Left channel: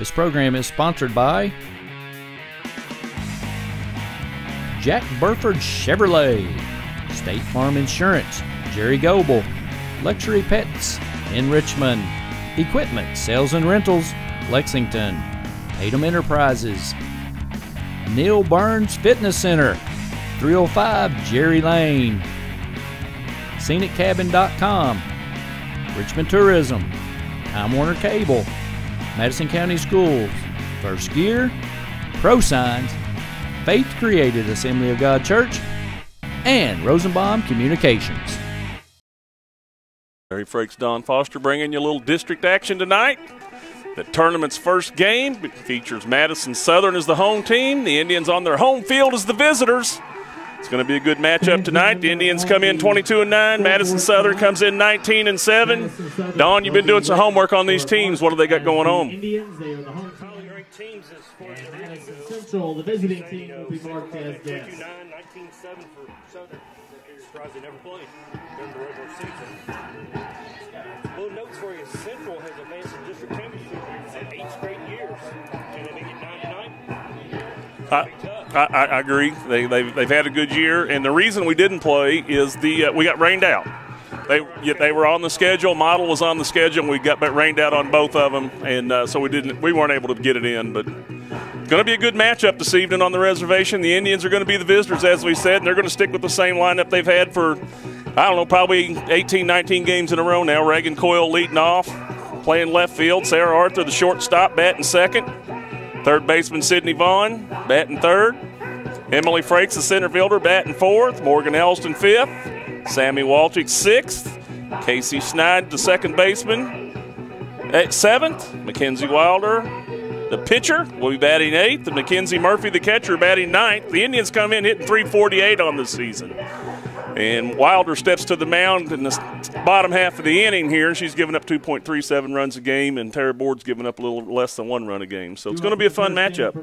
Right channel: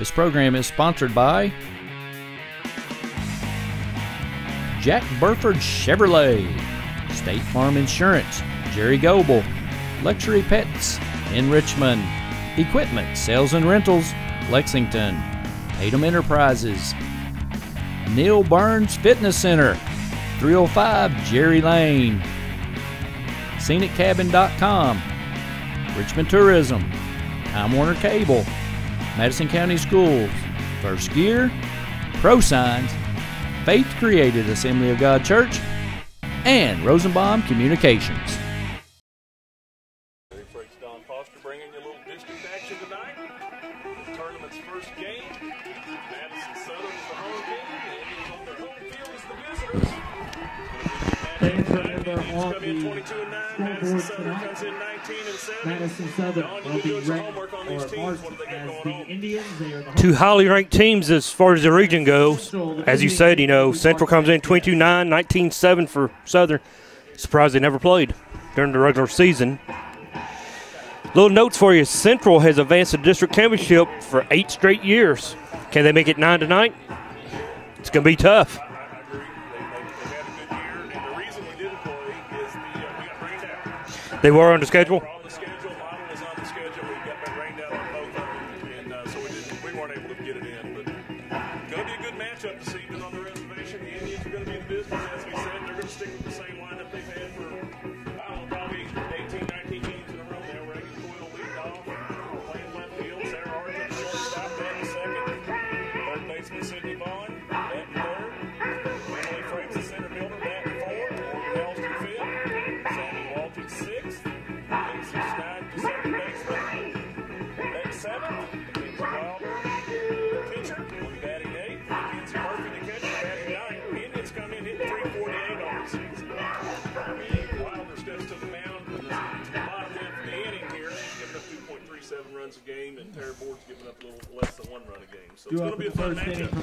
This program is sponsored by Jack Burford Chevrolet, State Farm Insurance, Jerry Goebel, Luxury Pets in Richmond, Equipment Sales and Rentals, Lexington, Tatum Enterprises, Neil Burns Fitness Center, 305 Jerry Lane, ScenicCabin.com, Richmond Tourism, Time Warner Cable, Madison County Schools, First Gear, ProSigns, Faith Created Assembly of God Church, and Rosenbaum Communications. Larry Frakes, Don Foster bringing you a little district action tonight. The tournament's first game features Madison Southern as the home team. The Indians on their home field as the visitors. It's going to be a good matchup tonight. The Indians come in 22-9. Madison Southern comes in 19-7. Don, you've been doing some homework on these teams. What do they got going on? Two highly ranked teams as far as the region goes. As you said, Central comes in 22-9, 19-7 for Southern. Surprised they never played during the regular season. Little notes for you. Central has advanced to the district championship for 8 straight years. Can they make it 9 tonight? It's going to be tough. I agree. They've had a good year, and the reason we didn't play is we got rained out. They were on the schedule? They were on the schedule. Model was on the schedule, and we got rained out on both of them, and so we weren't able to get it in. But it's going to be a good matchup this evening on the reservation. The Indians are going to be the visitors, as we said, and they're going to stick with the same lineup they've had for, I don't know, probably 18, 19 games in a row now. Reagan Coyle leading off, playing left field. Sarah Arthur, the shortstop, batting second. Third baseman Sydney Vaughn, batting third. Emily Frakes, the center fielder, batting fourth. Morgan Elston, fifth. Sammy Walchick, sixth. Casey Schneid, the second baseman, at seventh. Mackenzie Wilder, the pitcher, will be batting eighth. And Mackenzie Murphy, the catcher, batting ninth. The Indians come in hitting .348 on the season. And Wilder steps to the mound in the bottom half of the inning here. She's given up 2.37 runs a game, and Tara Board's given up a little less than 1 run a game. So it's going to be a fun matchup.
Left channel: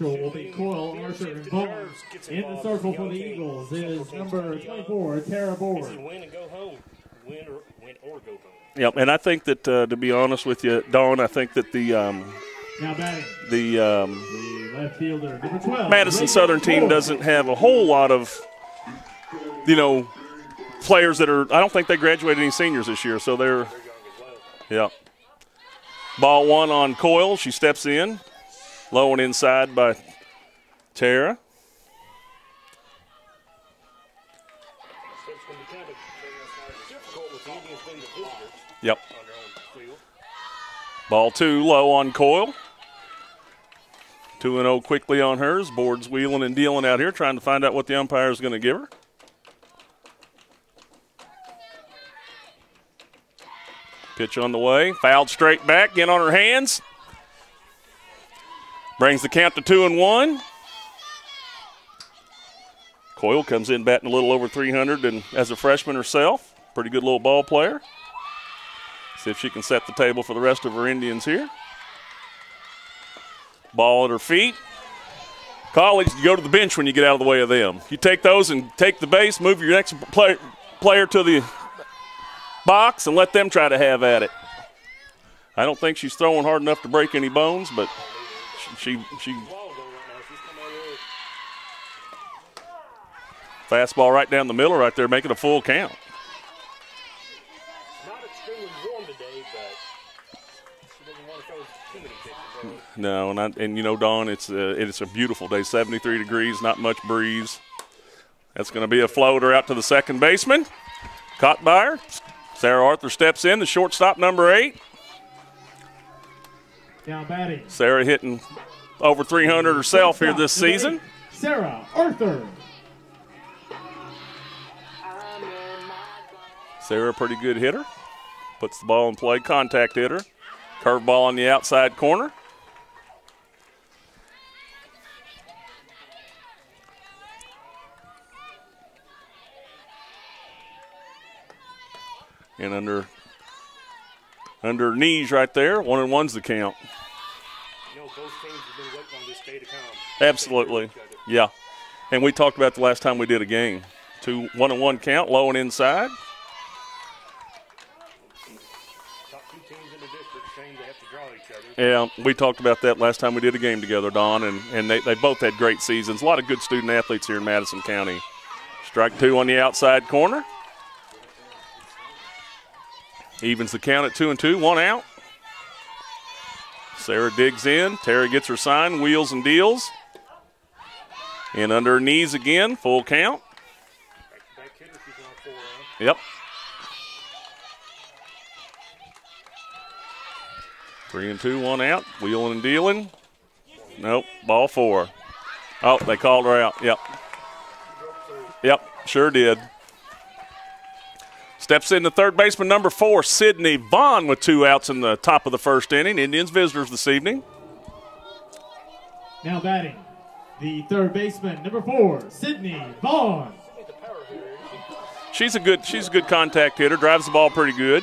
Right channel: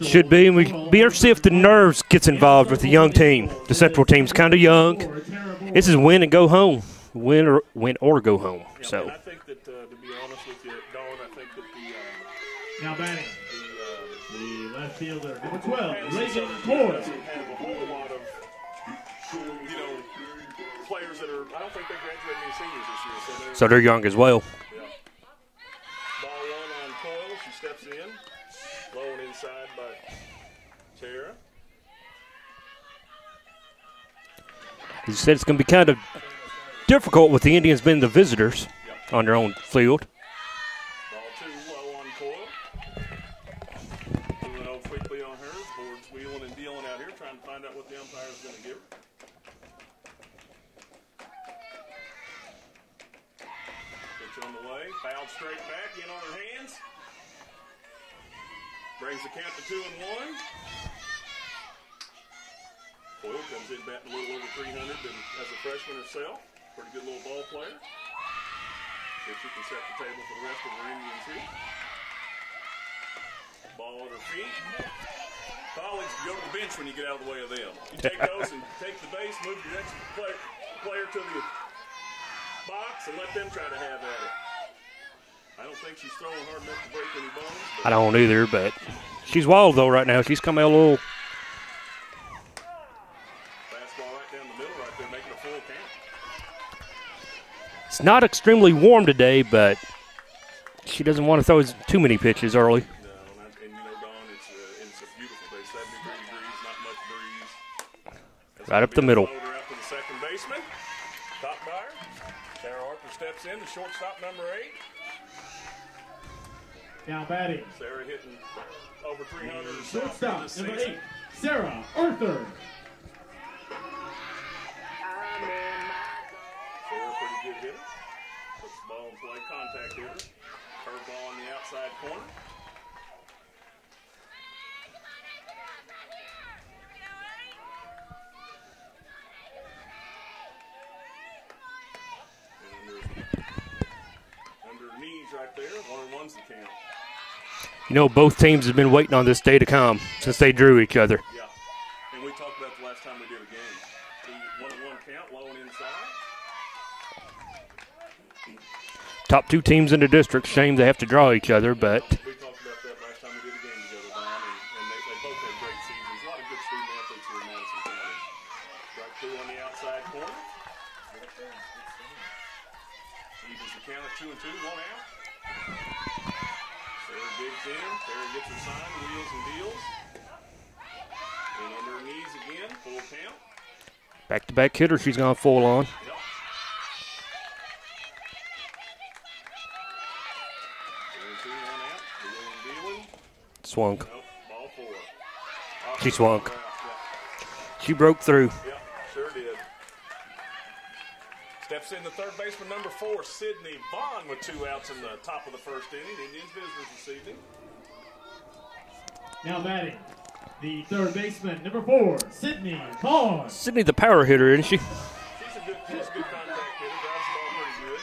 Should be. And we'd be interested to see if the nerves gets involved with the young team. The Central team's kind of young. This is win and go home. Win or go home. Yeah, so. And I think that, to be honest with you, Dawn, I think that the Madison Southern team doesn't have a whole lot of players that are – I don't think they graduated any seniors this year. So they're young as well. Yeah. Ball one on Coyle. She steps in. Low and inside by Tara. You said it's going to be kind of difficult with the Indians being the visitors on their own field. Ball two low on Coyle. 2-0 quickly on hers. Board's wheeling and dealing out here, trying to find out what the umpire is going to give her. Pitch on the way. Fouled straight back. In on her hands. Brings the count to 2-1. Coyle comes in batting a little over 300 and as a freshman herself. Pretty good little ball player. See if she can set the table for the rest of her Indians here. Ball at her feet. Colleagues, you go to the bench when you get out of the way of them. You take those and take the base, move your next player to the box and let them try to have at it. I don't think she's throwing hard enough to break any bones, but I don't either, but she's wild though right now. She's coming out a little fastball right down the middle right there, making a full count. It's not extremely warm today, but she doesn't want to throw too many pitches early. No, and Dawn, it's a beautiful day, 73 degrees, not much breeze. That's going to be a floater out to the second baseman. Caught by her. Sarah Arthur steps in, the shortstop, number 8. Now batting. Sarah hitting over 300 herself here this season. Sarah Arthur. Sarah, a pretty good hitter. Puts the ball in play, contact hitter. Curveball on the outside corner. And under knees right there, 1-1's the count. Both teams have been waiting on this day to come since they drew each other. Yeah, and we talked about the last time we did a game. 1-1 count, low and inside. Top 2 teams in the district. Shame they have to draw each other. But Yeah, we talked about that last time we did a game together, Don, and they both had great seasons. A lot of good student athletes here in Madison County. Strike 2 on the outside corner. Evens the count at 2-2, 1 out. Sarah digs in. Tara gets her sign, wheels and deals. And under her knees again, full count. Back-to-back hitter she's gone full on. Yep. 3-2, 1 out. Wheeling and dealing. Swung. Nope. Ball 4. Oh, She they swung. called her out. Yep. She broke through. Yep. Sure did. Steps in the third baseman, number 4, Sydney Vaughn, with 2 outs in the top of the first inning. Indians visitors this evening. Now batting, the third baseman, number 4, Sydney Vaughn. Sydney the power hitter, isn't she? She's a good contact hitter. Drives the ball pretty good.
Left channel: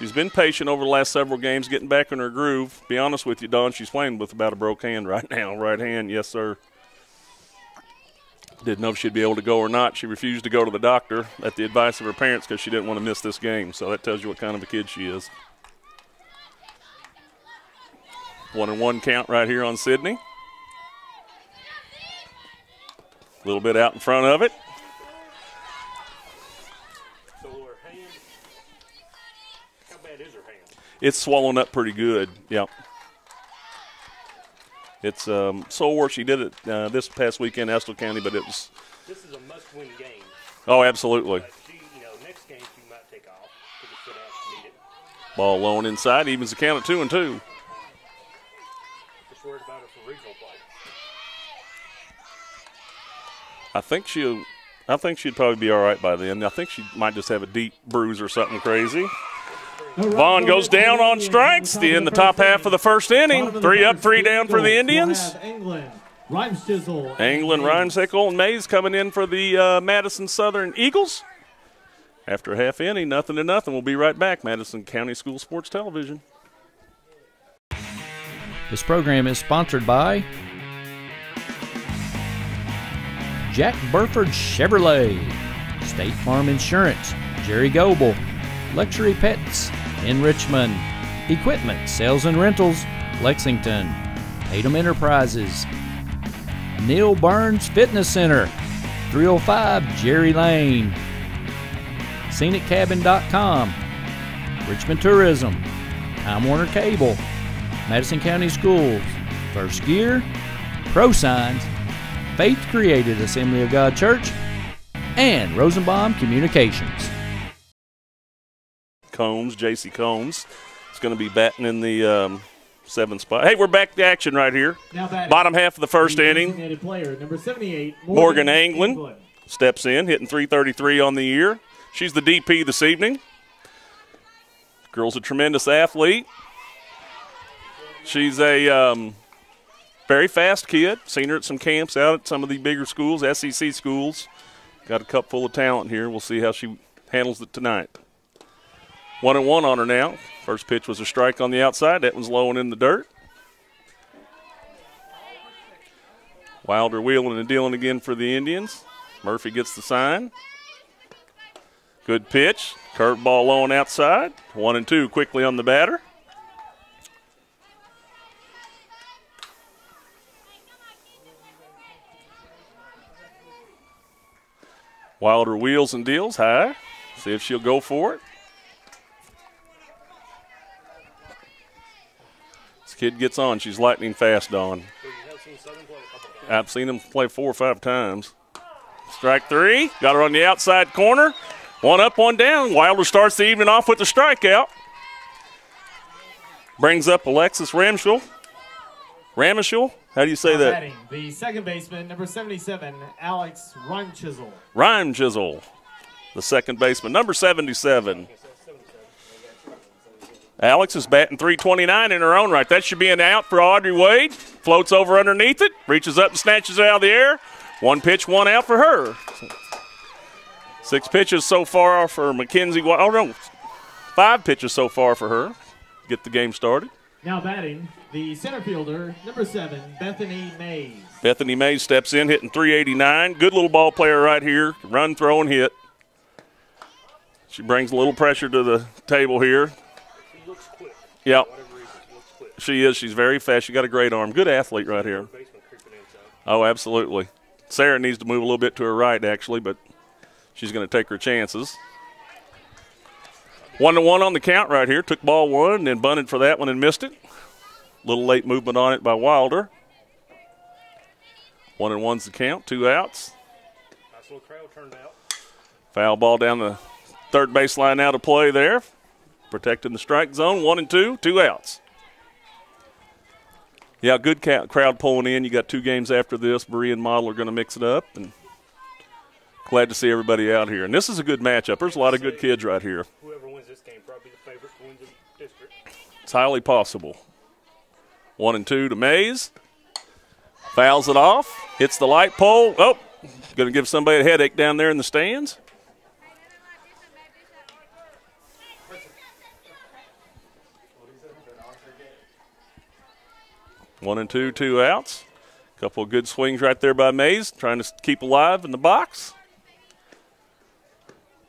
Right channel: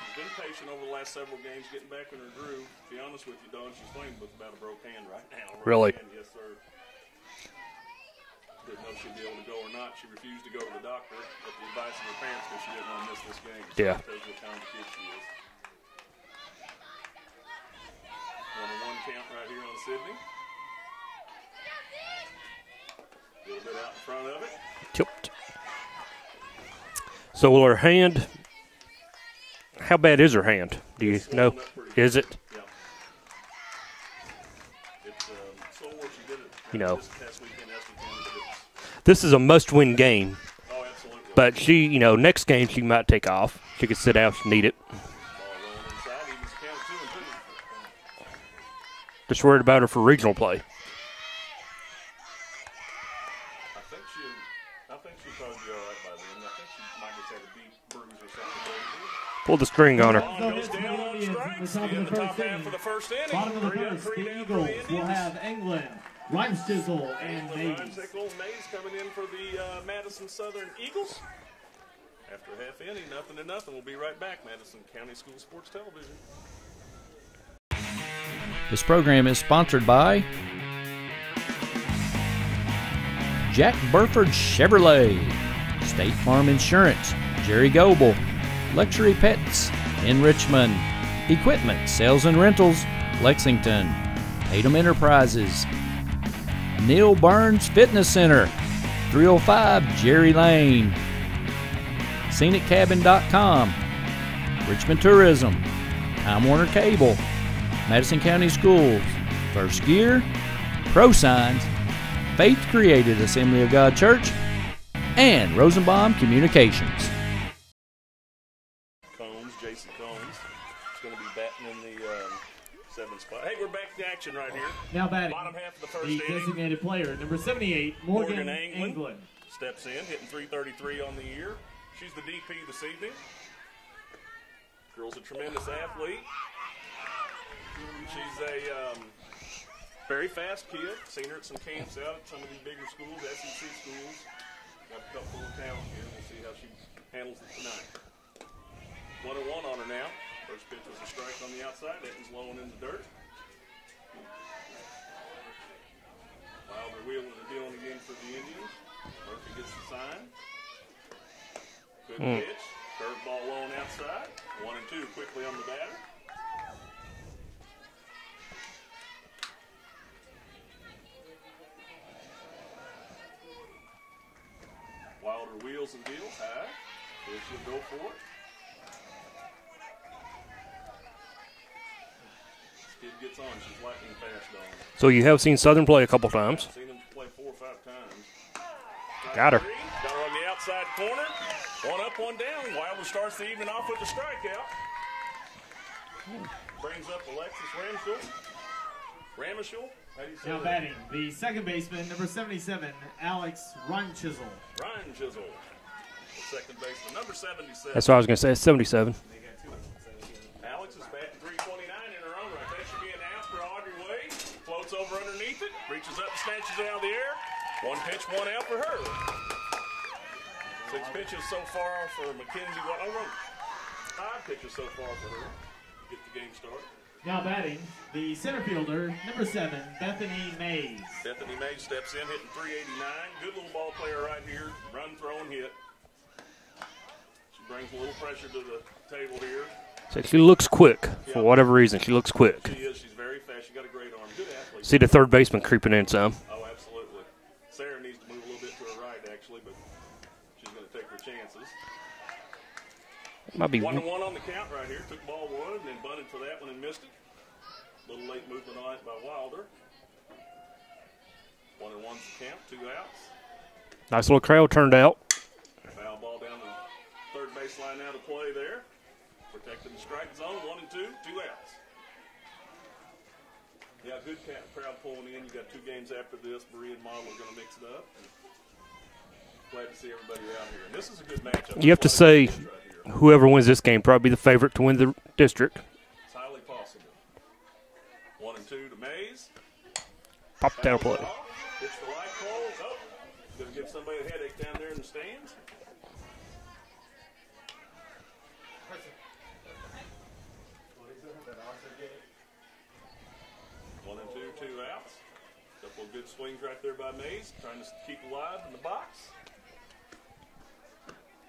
She's been patient over the last several games, getting back in her groove. Be honest with you, Don, she's playing with about a broke hand right now. Right Really? hand, yes, sir. Didn't know if she'd be able to go or not. She refused to go to the doctor at the advice of her parents because she didn't want to miss this game. So Yeah. that tells you what kind of a kid she is. 1-1 count right here on Sydney. A little bit out in front of it. Tipped. So her hand, how bad is her hand? Do It's you swollen know? up pretty good. Is it? Yep. It's sore. She did it this past weekend, Estill County, but it was. This is a must-win game. Oh, absolutely. But she, next game she might take off. She could sit out if she need it. Ball low and inside, evens the count at 2-2. Just worried about her for regional play. I think she'd probably be all right by then. I think she might just have a deep bruise or something crazy. Pull the string on her. Vaughn goes down on strikes in the top half of the first inning. 3 up, 3 down for the Indians. England, Rhymesickle, England, Rhymesickle, and Mays coming in for the Madison Southern Eagles. After a half inning, 0-0. We'll be right back. Madison County School Sports Television. This program is sponsored by Jack Burford Chevrolet, State Farm Insurance, Jerry Goebel, Luxury Pets in Richmond, Equipment Sales and Rentals, Lexington, Tatum Enterprises, Neil Burns Fitness Center, 305 Jerry Lane, ScenicCabin.com, Richmond Tourism, Time Warner Cable, Madison County Schools, First Gear, Pro Signs, Faith Created Assembly of God Church, and Rosenbaum Communications. Combs, J.C. Combs, is going to be batting in the 7th spot. Hey, we're back to action right here. Now batting, Bottom half of the first inning. designated player, number 78, Morgan England steps in, hitting .333 on the year. She's the DP this evening. Girl's a tremendous athlete. She's a very fast kid. Seen her at some camps out at some of the bigger schools, SEC schools. Got a cup full of talent here. We'll see how she handles it tonight. 1-1 on her now. First pitch was a strike on the outside. That one's low and in the dirt. Wilder wheeling and dealing again for the Indians. Murphy gets the sign. Good pitch. Curveball low and outside. 1-2 quickly on the batter. Wilder wheels and deals high. See if she'll go for it. This kid gets on. She's lightning fast, Dawn. So you have seen Southern play a couple times. I've seen them play 4 or 5 times. Strike Got her. 3. Got her on the outside corner. 1 up, 1 down. Wilder starts the evening off with the strikeout. Brings up Alexis Ramschel. Ramschel? How do you say that? Batting, the second baseman, number 77, Alex Rhymesickle. Rhyme Chisel, the second baseman, number 77. That's what I was going to say. 77. Alex is batting .329 in her own right. That should be an out for Audrey Wade. Floats over underneath it, reaches up and snatches it out of the air. 1 pitch, 1 out for her. 6 pitches so far for Mackenzie. Oh, no. 5 pitches so far for her. Get the game started. Now batting, the center fielder, number 7, Bethany Mays. Bethany Mays steps in, hitting .389. Good little ball player right here. Run, throw, and hit. She brings a little pressure to the table here. So she looks quick. Yeah. For whatever reason, she looks quick. She is. She's very fast. She got a great arm. Good athlete See right the here. third baseman creeping in some. Oh, absolutely. Sarah needs to move a little bit to her right, actually, but she's going to take her chances. Might be 1-1 on the count right here. Took ball one and then bunted for that one and missed it. Little late movement on it by Wilder. 1-1's the count. 2 outs. Nice little crowd turned out. Foul ball down the third baseline now to play there. Protecting the strike zone. 1-2. 2 outs. Yeah, good crowd pulling in. You got 2 games after this. Bree and Model are going to mix it up. And glad to see everybody out here. And this is a good matchup. There's a lot of good kids right here. Whoever wins this game probably the favorite to win the district. It's highly possible. 1-2 to Mays. Fouls it off. Hits the light pole. Oh, going to give somebody a headache down there in the stands. One and two, 2 outs. Couple of good swings right there by Mays, trying to keep alive in the box.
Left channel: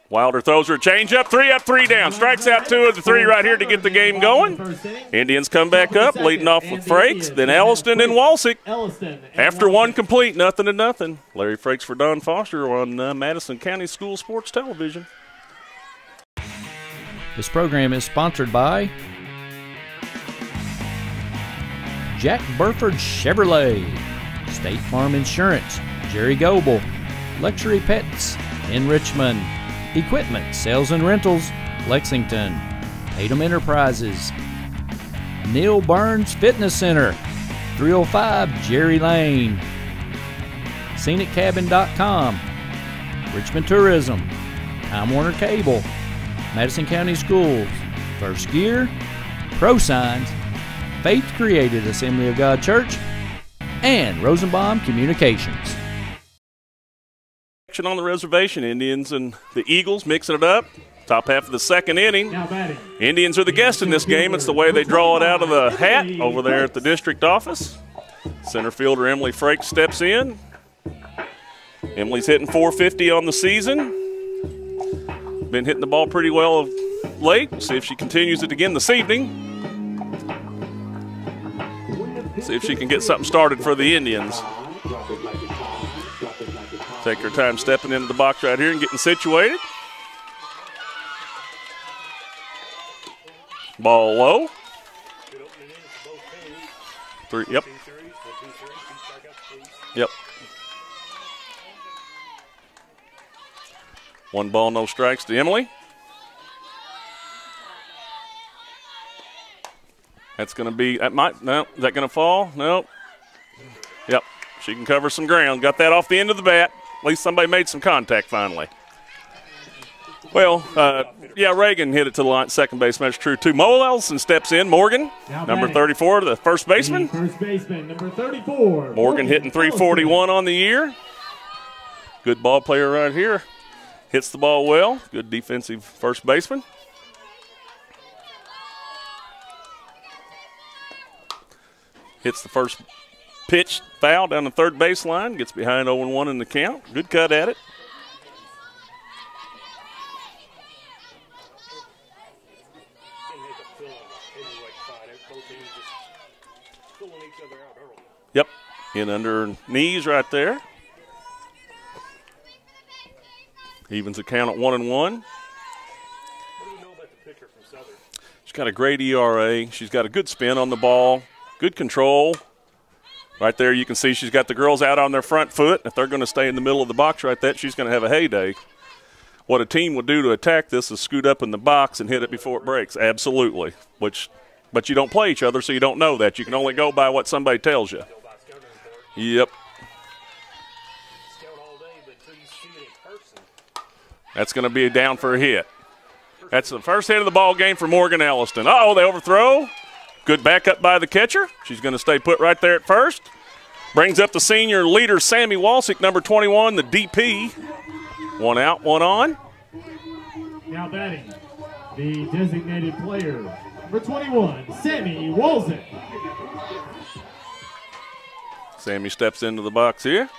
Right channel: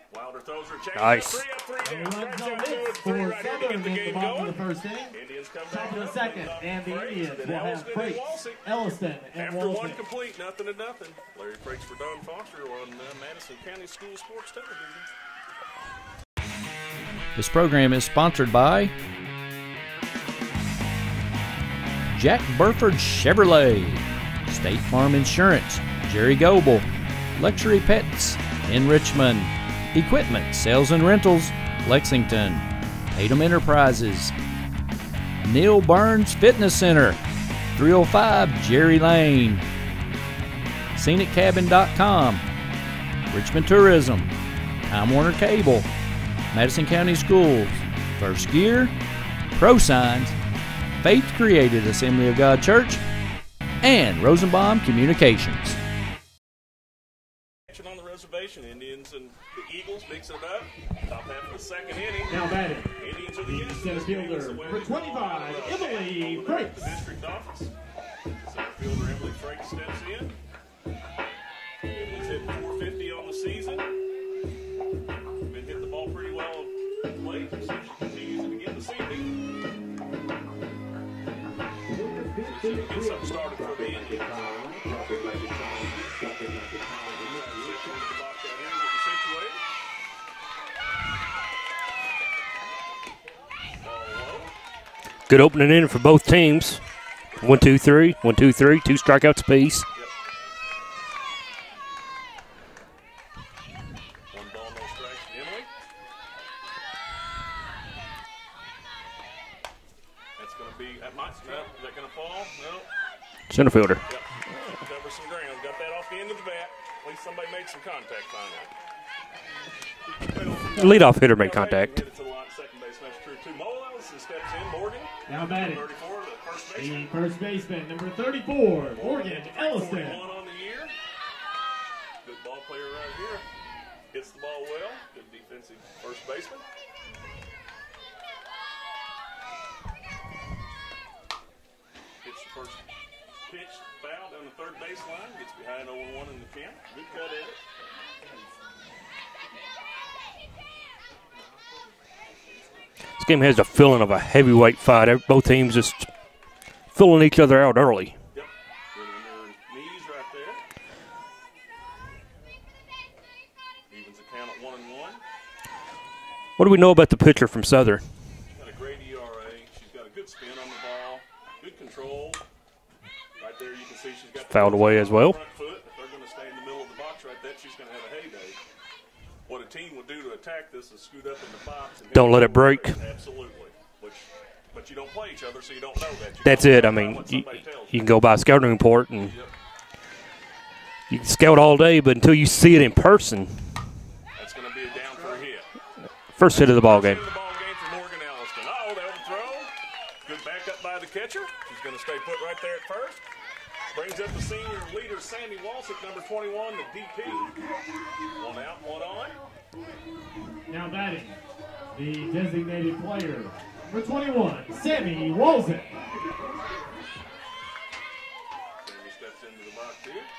Wilder throws her changeup. Nice. 3 up, 3 down. Strikes out 2 of the 3 right here to get the game going. Indians come back up, leading off with Frakes, then Elliston and Walsick. After one complete, 0-0. Larry Frakes for Don Foster on Madison County School Sports Television. This program is sponsored by Jack Burford Chevrolet, State Farm Insurance, Jerry Goebel, Luxury Pets in Richmond, Equipment, Sales and Rentals, Lexington, Tatum Enterprises, Neil Burns Fitness Center, 305 Jerry Lane, ScenicCabin.com, Richmond Tourism, Time Warner Cable, Madison County Schools, First Gear, ProSigns, Faith Created Assembly of God Church, and Rosenbaum Communications. On the reservation, Indians and the Eagles mixing it up. Top half of the second inning. Indians are the guests in this game. It's the way they draw it out of the hat over there at the district office. Center fielder Emily Frakes steps in. Emily's hitting .450 on the season. Been hitting the ball pretty well of late. See if she continues it again this evening. See if she can get something started for the Indians. Take her time stepping into the box right here and getting situated. Ball low. Good opening inning for both teams. 1, 2, 3. 1, 2, 3. 2 strikeouts apiece. Yep. 1 ball, no strikes to Emily. That's going to be, that might, no, is that going to fall? No. Center fielder. Yep. She can cover some ground. Got that off the end of the bat. At least somebody made some contact finally. Well, leadoff hitter made contact. Reagan hit it to the line, second base. That's true, too. Mo Ellison steps in. Morgan, number 34, the first baseman. First baseman, number 34. Morgan hitting .341 on the year. Good ball player right here. Hits the ball well. Good defensive first baseman. Hits the first pitch, foul down the third baseline. Gets behind 0-1 in the count. Good cut at it. This game has a feeling of a heavyweight fight. Both teams just filling each other out early. Yep. In under knees right there. Evens the count at 1-1. What do we know about the pitcher from Southern? She's got a great ERA. She's got a good spin on the ball. Good control. Right there you can see she's got the girls out on their front foot. If they're going to stay in the middle of the box right there, she's going to have a heyday. What a team would do to attack this is scoot up in the box and hit don't it let before it breaks. Absolutely. But you don't play each other, so you don't know that. You can only go by what somebody tells you. You can go by a scouting report. And yep. You can scout all day, but until you see it in person. That's going to be a down for a hit. First hit of the ball game. First hit of the ball game for Morgan Elliston. Uh-oh, they overthrow. Good backup by the catcher. She's going to stay put right there at first. Brings up the senior leader, Sammy Walsick, number 21, the DP. 1 out, 1 on. Now batting, the designated player, number 21, Sammy Walsick. Sammy steps into the box here.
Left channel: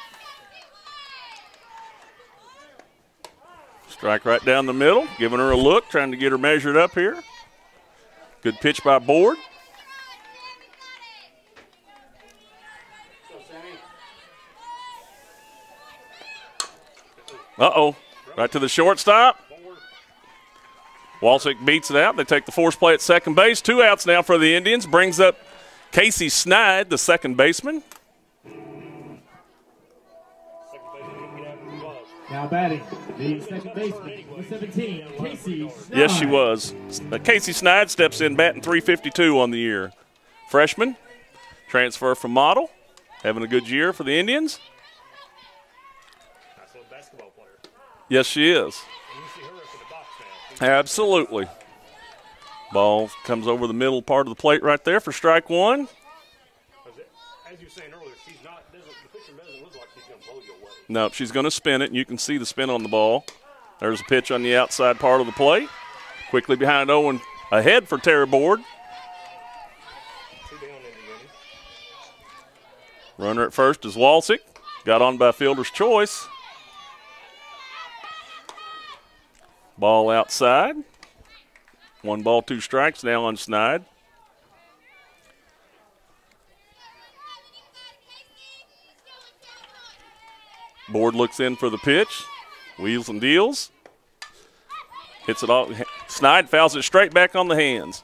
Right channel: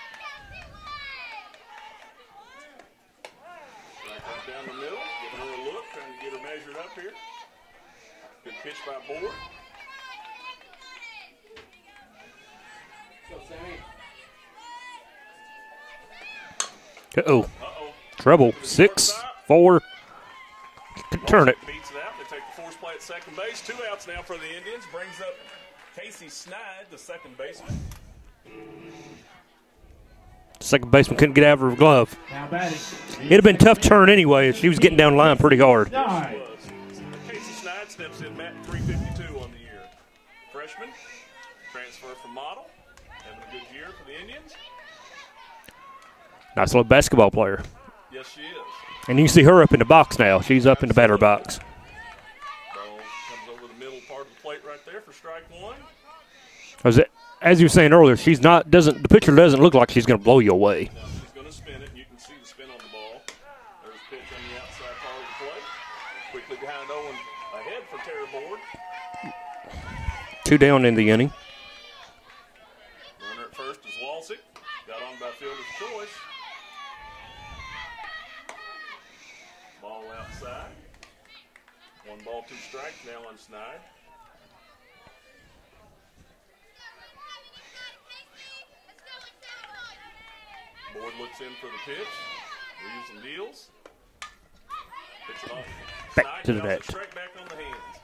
Strike right down the middle, giving her a look, trying to get her measured up here. Good pitch by Board. Uh-oh. Trouble. Right to the shortstop. 4. Walczyk beats it out. They take the force play at second base. 2 outs now for the Indians. Brings up Casey Snide, the second baseman. Second baseman couldn't get out of her glove. Now batting. It'd have been tough turn anyway. She was getting down the line pretty hard. Yes, she was. Casey Snide steps in batting .352 on the year. Freshman, transfer from Model, having a good year for the Indians. Nice little basketball player. Yes, she is. And you see her up in the box now. She's up in the batter box. Ball comes over the middle part of the plate right there for strike 1. As you were saying earlier, the pitcher doesn't look like she's going to blow you away. No, she's going to spin it, and you can see the spin on the ball. There's a pitch on the outside part of the plate. Quickly behind Owen, ahead for Tara Board. 2 down in the inning. Runner at first is Walczyk. Got on by fielder's choice. Ball outside. 1 ball, 2 strikes now on Snide. Board looks in for the pitch. Wheels and deals. Hits it all. Snide fouls it straight back on the hands.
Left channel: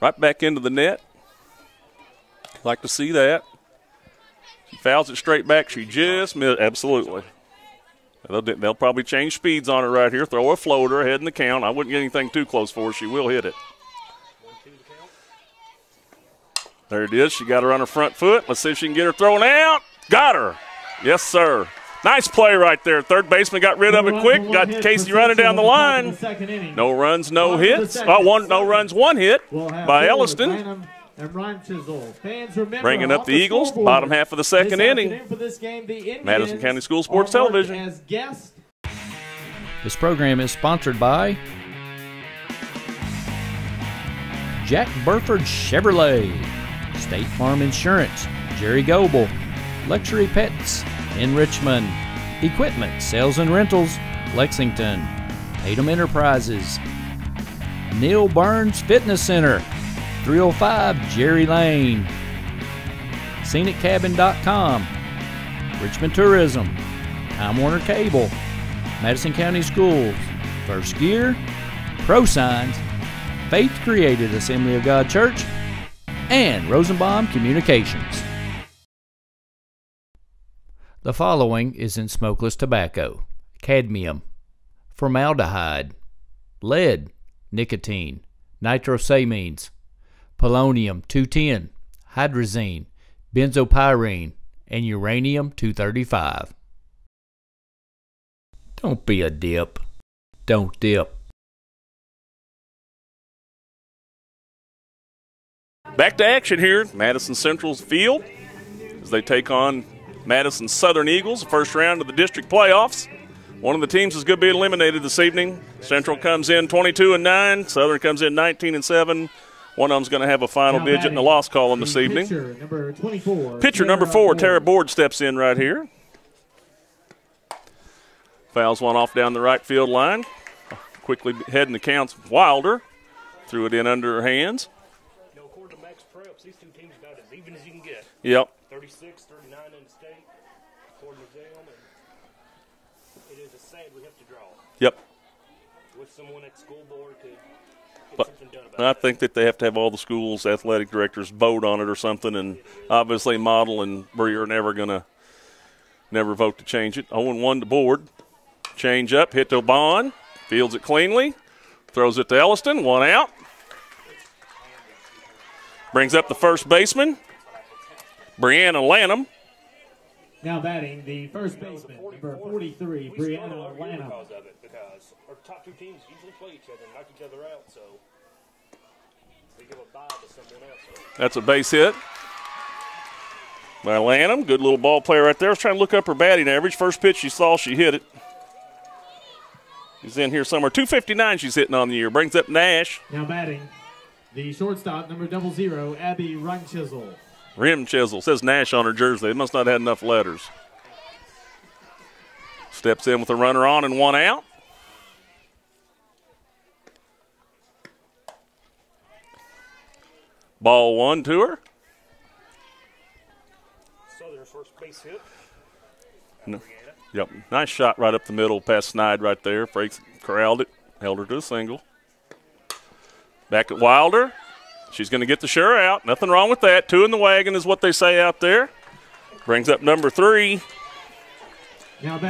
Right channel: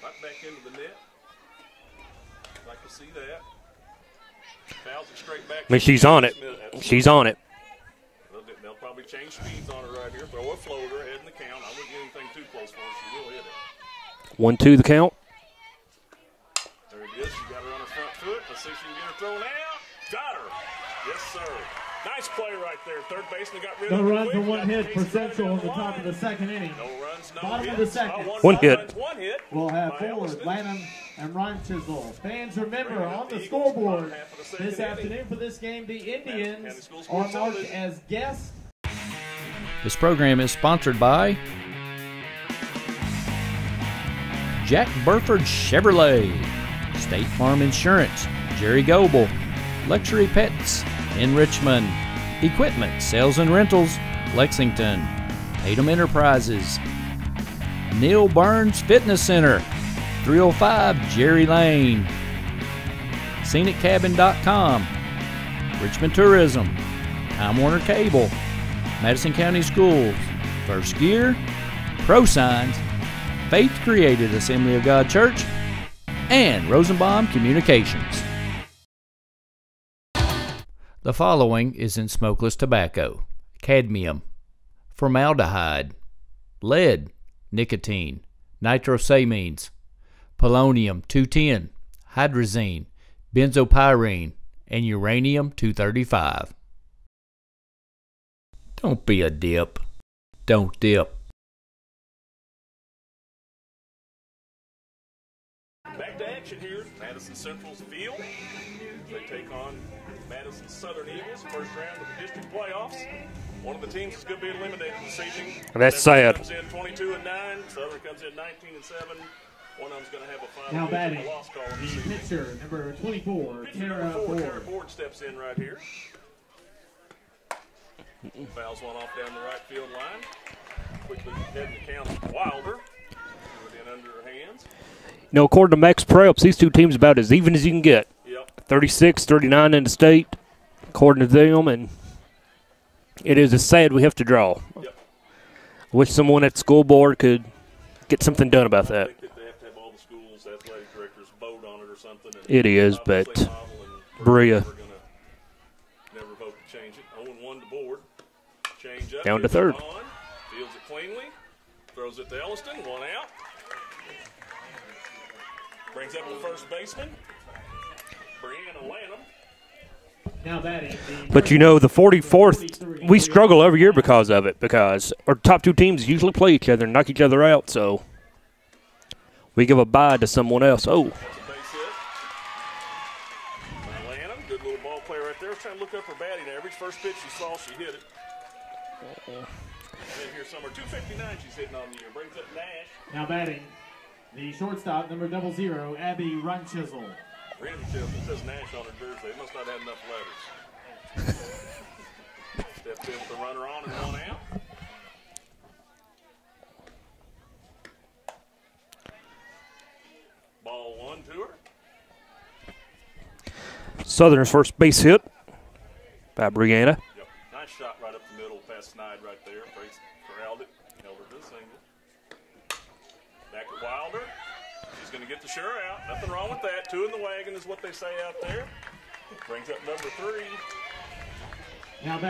Right back into the net. Like to see that. She fouls it straight back. She's on it. Absolutely. She's on it. They'll probably change speeds on it right here. Throw a floater ahead in the count. I wouldn't get anything too close for her. She will hit it. 1-2 the count. There it is. She got her on her front foot. Let's see if she can get her thrown out. Got her. Yes, sir. Nice play right there. Third baseman got rid of it quick. Got Casey running down the line. No runs, no hits. No runs, 1 hit by Elliston. Bringing up the Eagles, bottom half of the second inning. Madison County School Sports Television. This program is sponsored by Jack Burford Chevrolet, State Farm Insurance, Jerry Goebel, Luxury Pets in Richmond, Equipment Sales and Rentals, Lexington, Tatum Enterprises, Neil Burns Fitness Center, 305 Jerry Lane, ScenicCabin.com, Richmond Tourism, Time Warner Cable, Madison County Schools, First Gear, ProSigns, Faith Created Assembly of God Church, and Rosenbaum Communications. The following is in smokeless tobacco: cadmium, formaldehyde, lead, nicotine, nitrosamines, polonium-210, hydrazine, benzopyrene, and uranium-235. Don't be a dip. Don't dip. Back to action here at Madison Central's field as they take on Madison Southern Eagles, the first round of the district playoffs. One of the teams is going to be eliminated this evening. That's Central sad. comes in 22-9. Southern comes in 19-7. One of them's going to have a final digit in the loss column this evening. Pitcher number 4, Tara Board, steps in right here. Fouls one off down the right field line. Quickly heading the count. Wilder threw it in under her hands. You know, according to Max Preps, these two teams about as even as you can get. Yep. 36, 39 in the state, according to them, and it is a sad we have to draw. Yep. Wish someone at the school board could get something done about that. I think that they have to have all the schools' athletic directors vote on it or something. And it is. obviously Model and Brea are never going to vote to change it. 0-1 to Board. Change up, hit to Bond. Fields it cleanly. Throws it to Elliston. 1 out. Brings up the first baseman, Brianna Lanham. Now batting but you know, the 44th, we struggle every year because of it, because our top 2 teams usually play each other and knock each other out, so we give a bye to someone else. Oh, that's a base hit by Lanham. Good little ball player right there. I was trying to look up her batting average. First pitch she saw, she hit it. He's in here somewhere. 259 she's hitting on the year. Brings up Nash. Now batting the shortstop, number 00, Abby Rim-Chisel. Rim-Chisel. Says Nash on her jersey. They must not have had enough letters. Steps in with a runner on and 1 out. Ball 1 to her. Southern's first base hit by Brianna. Yep. Nice shot right up the middle past Snide right there. Frakes corralled it, held her to a single. Back at Wilder. She's going to get the sure out. Nothing wrong with that. 2 in the wagon is what they say out there. Brings up number 3.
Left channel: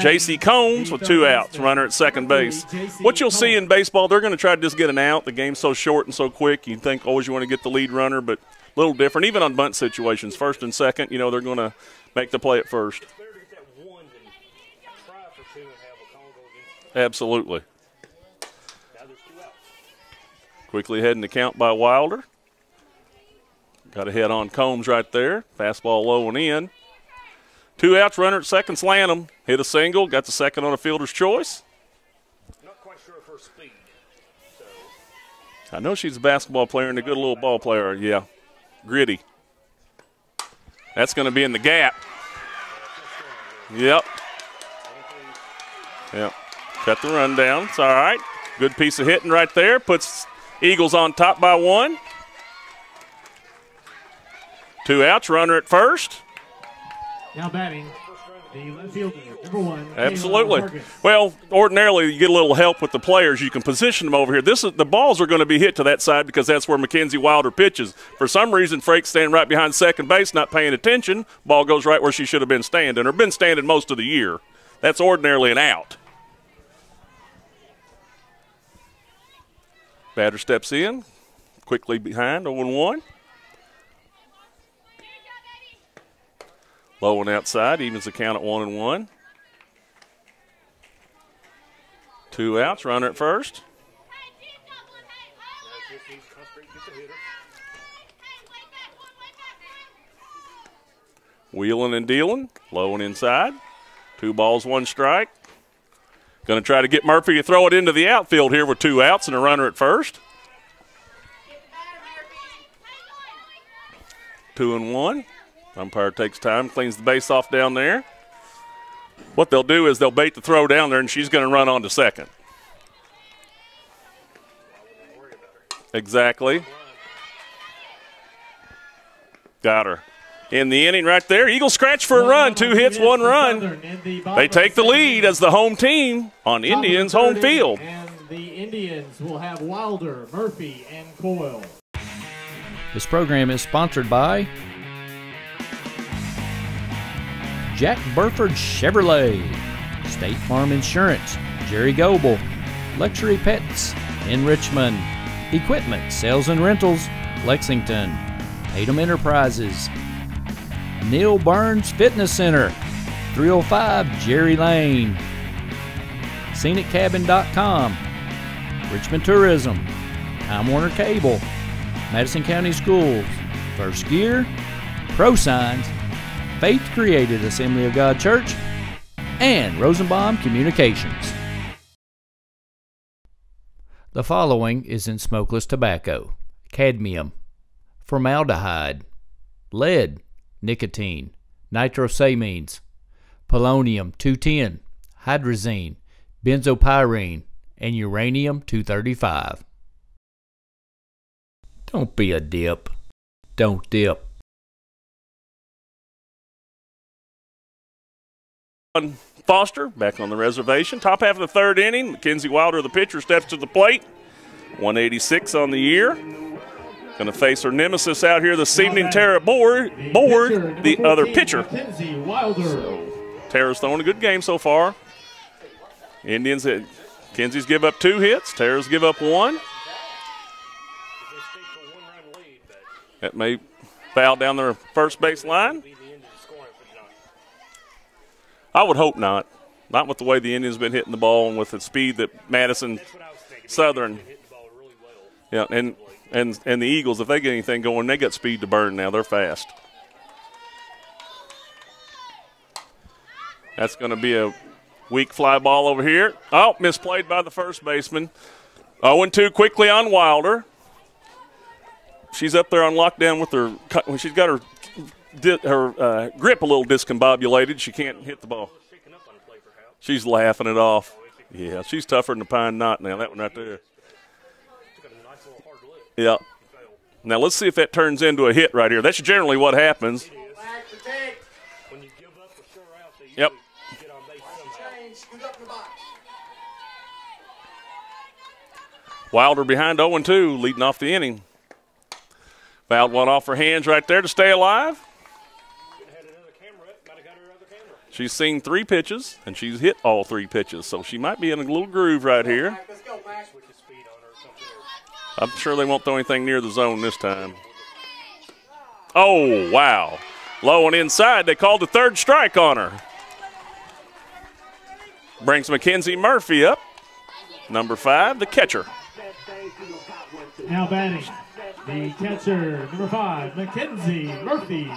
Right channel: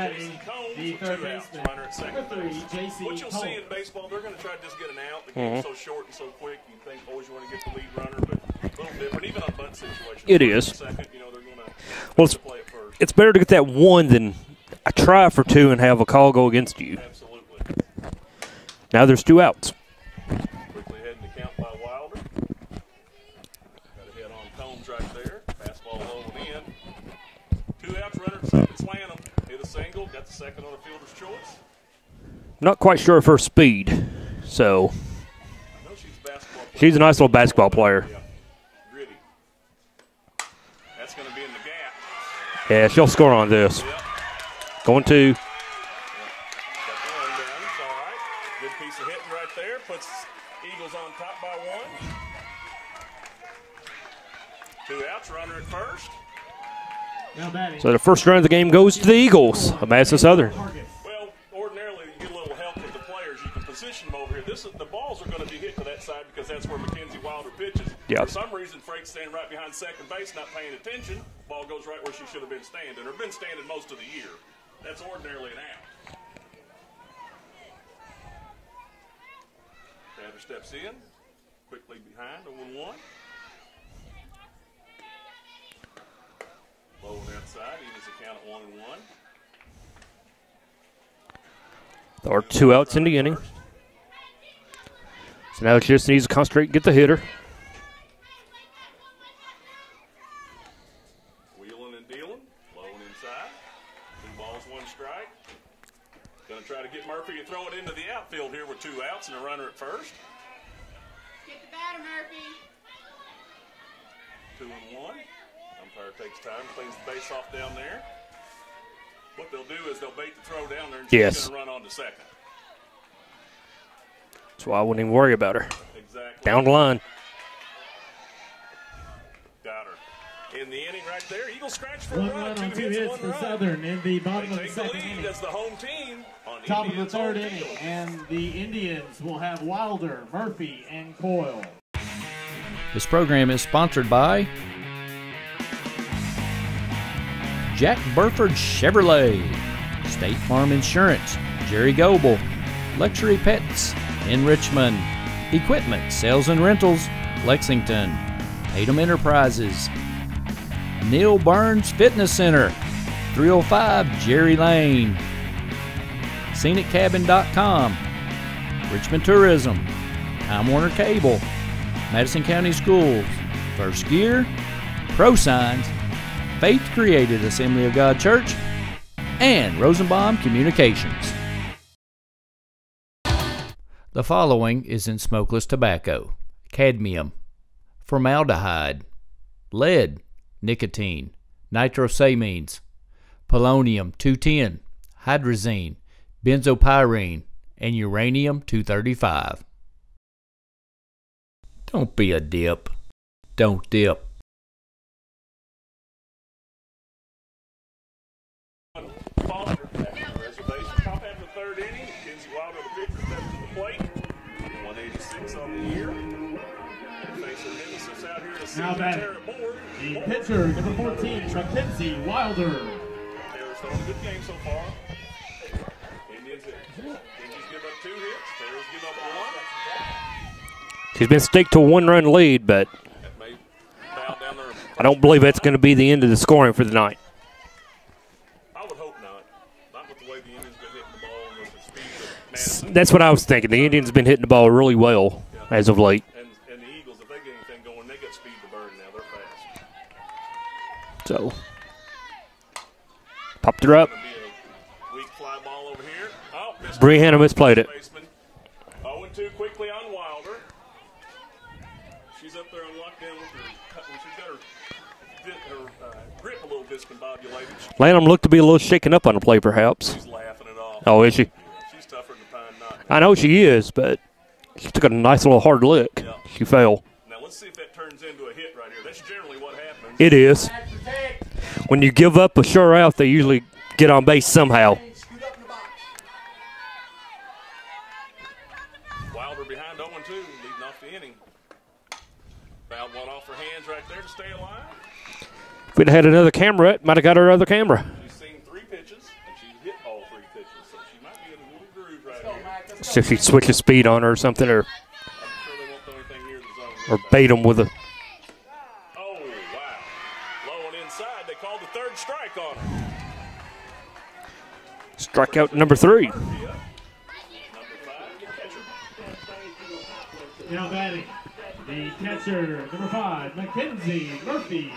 J.C. Combs with 2 outs, runner at second base. What you'll see in baseball, they're going to try to just get an out. The game's so short and so quick, you think always you want to get the lead runner, but a little different. Even on bunt situations, first and second, they're going to make the play at first. It's better to get that 1 than I try for 2 and have a call go against you. Absolutely. Now there's 2 outs. Quickly heading the count by Wilder. Got a head on Combs right there. Fastball low and in. 2 outs, runner at second, Slanham. Hit a single, got the second on a fielder's choice. Not quite sure of her speed, so. I know she's a basketball player. She's a nice little basketball player. Yeah. Gritty. That's going to be in the gap. Yeah, she'll score on this. Yep. Going 2. Yep. Cut the run down. It's all right. Good piece of hitting right there. Puts Eagles on top by 1. 2 outs, runner at first. So the first run of the game goes to the Eagles of Madison Southern. Well, ordinarily you get a little help with the players. You can position them over here. The balls are going to be hit to that side because that's where Mackenzie Wilder pitches. Yep. For some reason, Frake's standing right behind second base, not paying attention. Ball goes right where she should have been standing, or been standing most of the year. That's ordinarily an out. Batter steps in, quickly behind, 0-1. Low and outside, evens the count at 1-1. 2 outs in the inning. First. So now it just needs to concentrate and get the hitter. Wheeling and dealing, low and inside. 2 balls, 1 strike. Going to try to get Murphy to throw it into the outfield here with 2 outs and a runner at first. 2-1. Umpire takes time, cleans the base off down there. What they'll do is they'll bait the throw down there, and she's going to run on to second. That's why I wouldn't even worry about her. Exactly. Down the line. Got her. In the inning right there. Eagles scratch for a run. 2 hits, 1 run. They take the lead as the home team on Indians' home field. And the Indians will have Wilder, Murphy, and Coyle. This program is sponsored by Jack Burford Chevrolet, State Farm Insurance, Jerry Goebel, Luxury Pets in Richmond, Equipment, Sales and Rentals, Lexington, Tatum Enterprises, Neil Burns Fitness Center, 305 Jerry Lane, ScenicCabin.com, Richmond Tourism, Time Warner Cable, Madison County Schools, First Gear, ProSigns, Faith Created Assembly of God Church, and Rosenbaum Communications. The following is in smokeless tobacco: cadmium, formaldehyde, lead, nicotine, nitrosamines, polonium-210, hydrazine, benzopyrene, and uranium-235. Don't be a dip. Don't dip. Foster back on the reservation. Top half of the 3rd inning. Mackenzie Wilder, the pitcher, steps to the plate. 186 on the year. Going to face her nemesis out here this evening, Tara Board, the other pitcher. Tara's thrown a good game so far. Indians, Kenzie's give up 2 hits. Tara's give up 1. She's been staked to a 1-run lead, but that may foul down their first I don't believe that's line. going to be the end of the scoring for the night. I would hope not. Not with the way the Indians been hitting the ball and with the speed that Madison. That's what I was thinking. The Indians have been hitting the ball really well as of late. And the Eagles, if they get anything going, they got speed to burn now. They're fast. So, popped That's her up. going to be a weak fly ball over here. Oh, Brianna misplayed it. Baseman. 0-2 quickly on Wilder. She's up there on lockdown with her. She's got her grip a little discombobulated. She can't. Lanham looked to be a little shaken up on the play, perhaps. She's laughing it off. Oh, is she? Yeah, she's tougher than the pine knot now. I know she is, but she took a nice little hard lick. Yeah. She fell. Now let's see if that turns into a hit right here. That's generally what happens. It is. When you give up a sure out, they usually get on base somehow. Wilder behind 0-2, leading off the inning. Fouled one off her hands right there to stay alive. If we'd had another camera, it might have got her other camera. She's seen 3 pitches, and she's hit all 3 pitches, so she might be in a little groove right here. So if she switches speed on her or something, or I'm sure they won't throw anything near the zone this time. bait them with a. Oh, wow. Low and inside. They called the 3rd strike on her. Brings Strikeout number Mackenzie 3. Murphy up. Number 5, the catcher. Now batting, the catcher, number 5, Mackenzie Murphy.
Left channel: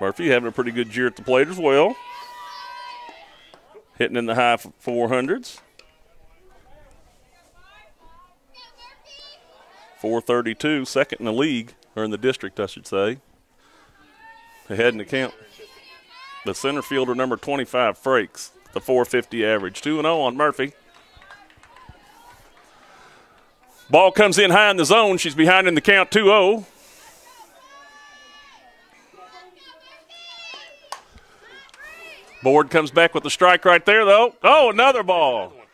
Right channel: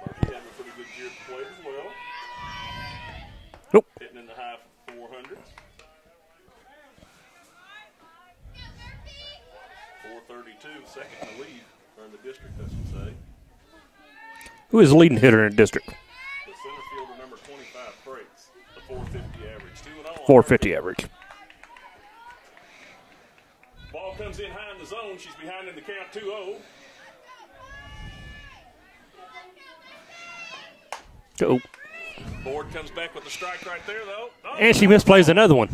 Murphy having a pretty good year at the plate as well. Nope. Hitting in the high 400s. 432, second in the league, or in the district, I should say. Who is the leading hitter in the district? The center fielder, number 25, Frakes, the 450 average. 2-0 on 450 Murphy. average. Ball comes in high in the zone. She's behind in the count, 2-0. Oh. Board comes back with the strike right there, though. Oh, And she another misplays ball. another one.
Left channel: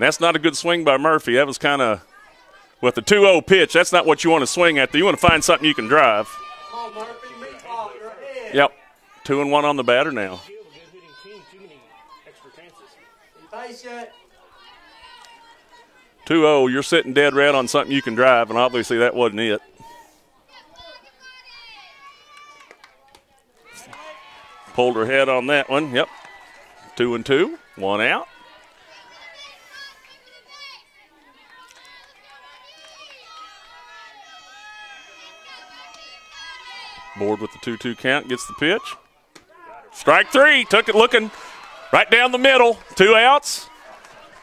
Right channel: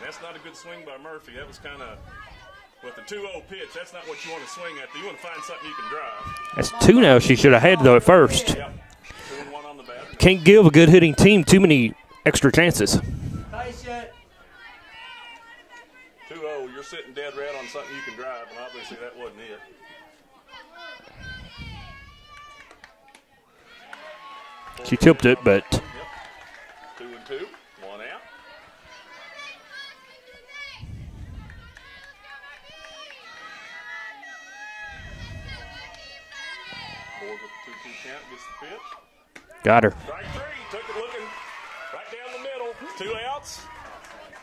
That's not a good swing by Murphy. That was kind of, with the 2-0 pitch, that's not what you want to swing at. You want to find something you can drive. That's 2 now she should have had, though, at first. Yep. 2-1 on the batter now. Can't give a good hitting team too many extra chances. 2-0, you're sitting dead red on something you can drive, and obviously that wasn't it. Pulled her head on that one. Yep. 2-2, 1 out. Board with the 2-2 count, gets the pitch. Got her. Strike 3, took it looking right down the middle. 2 outs.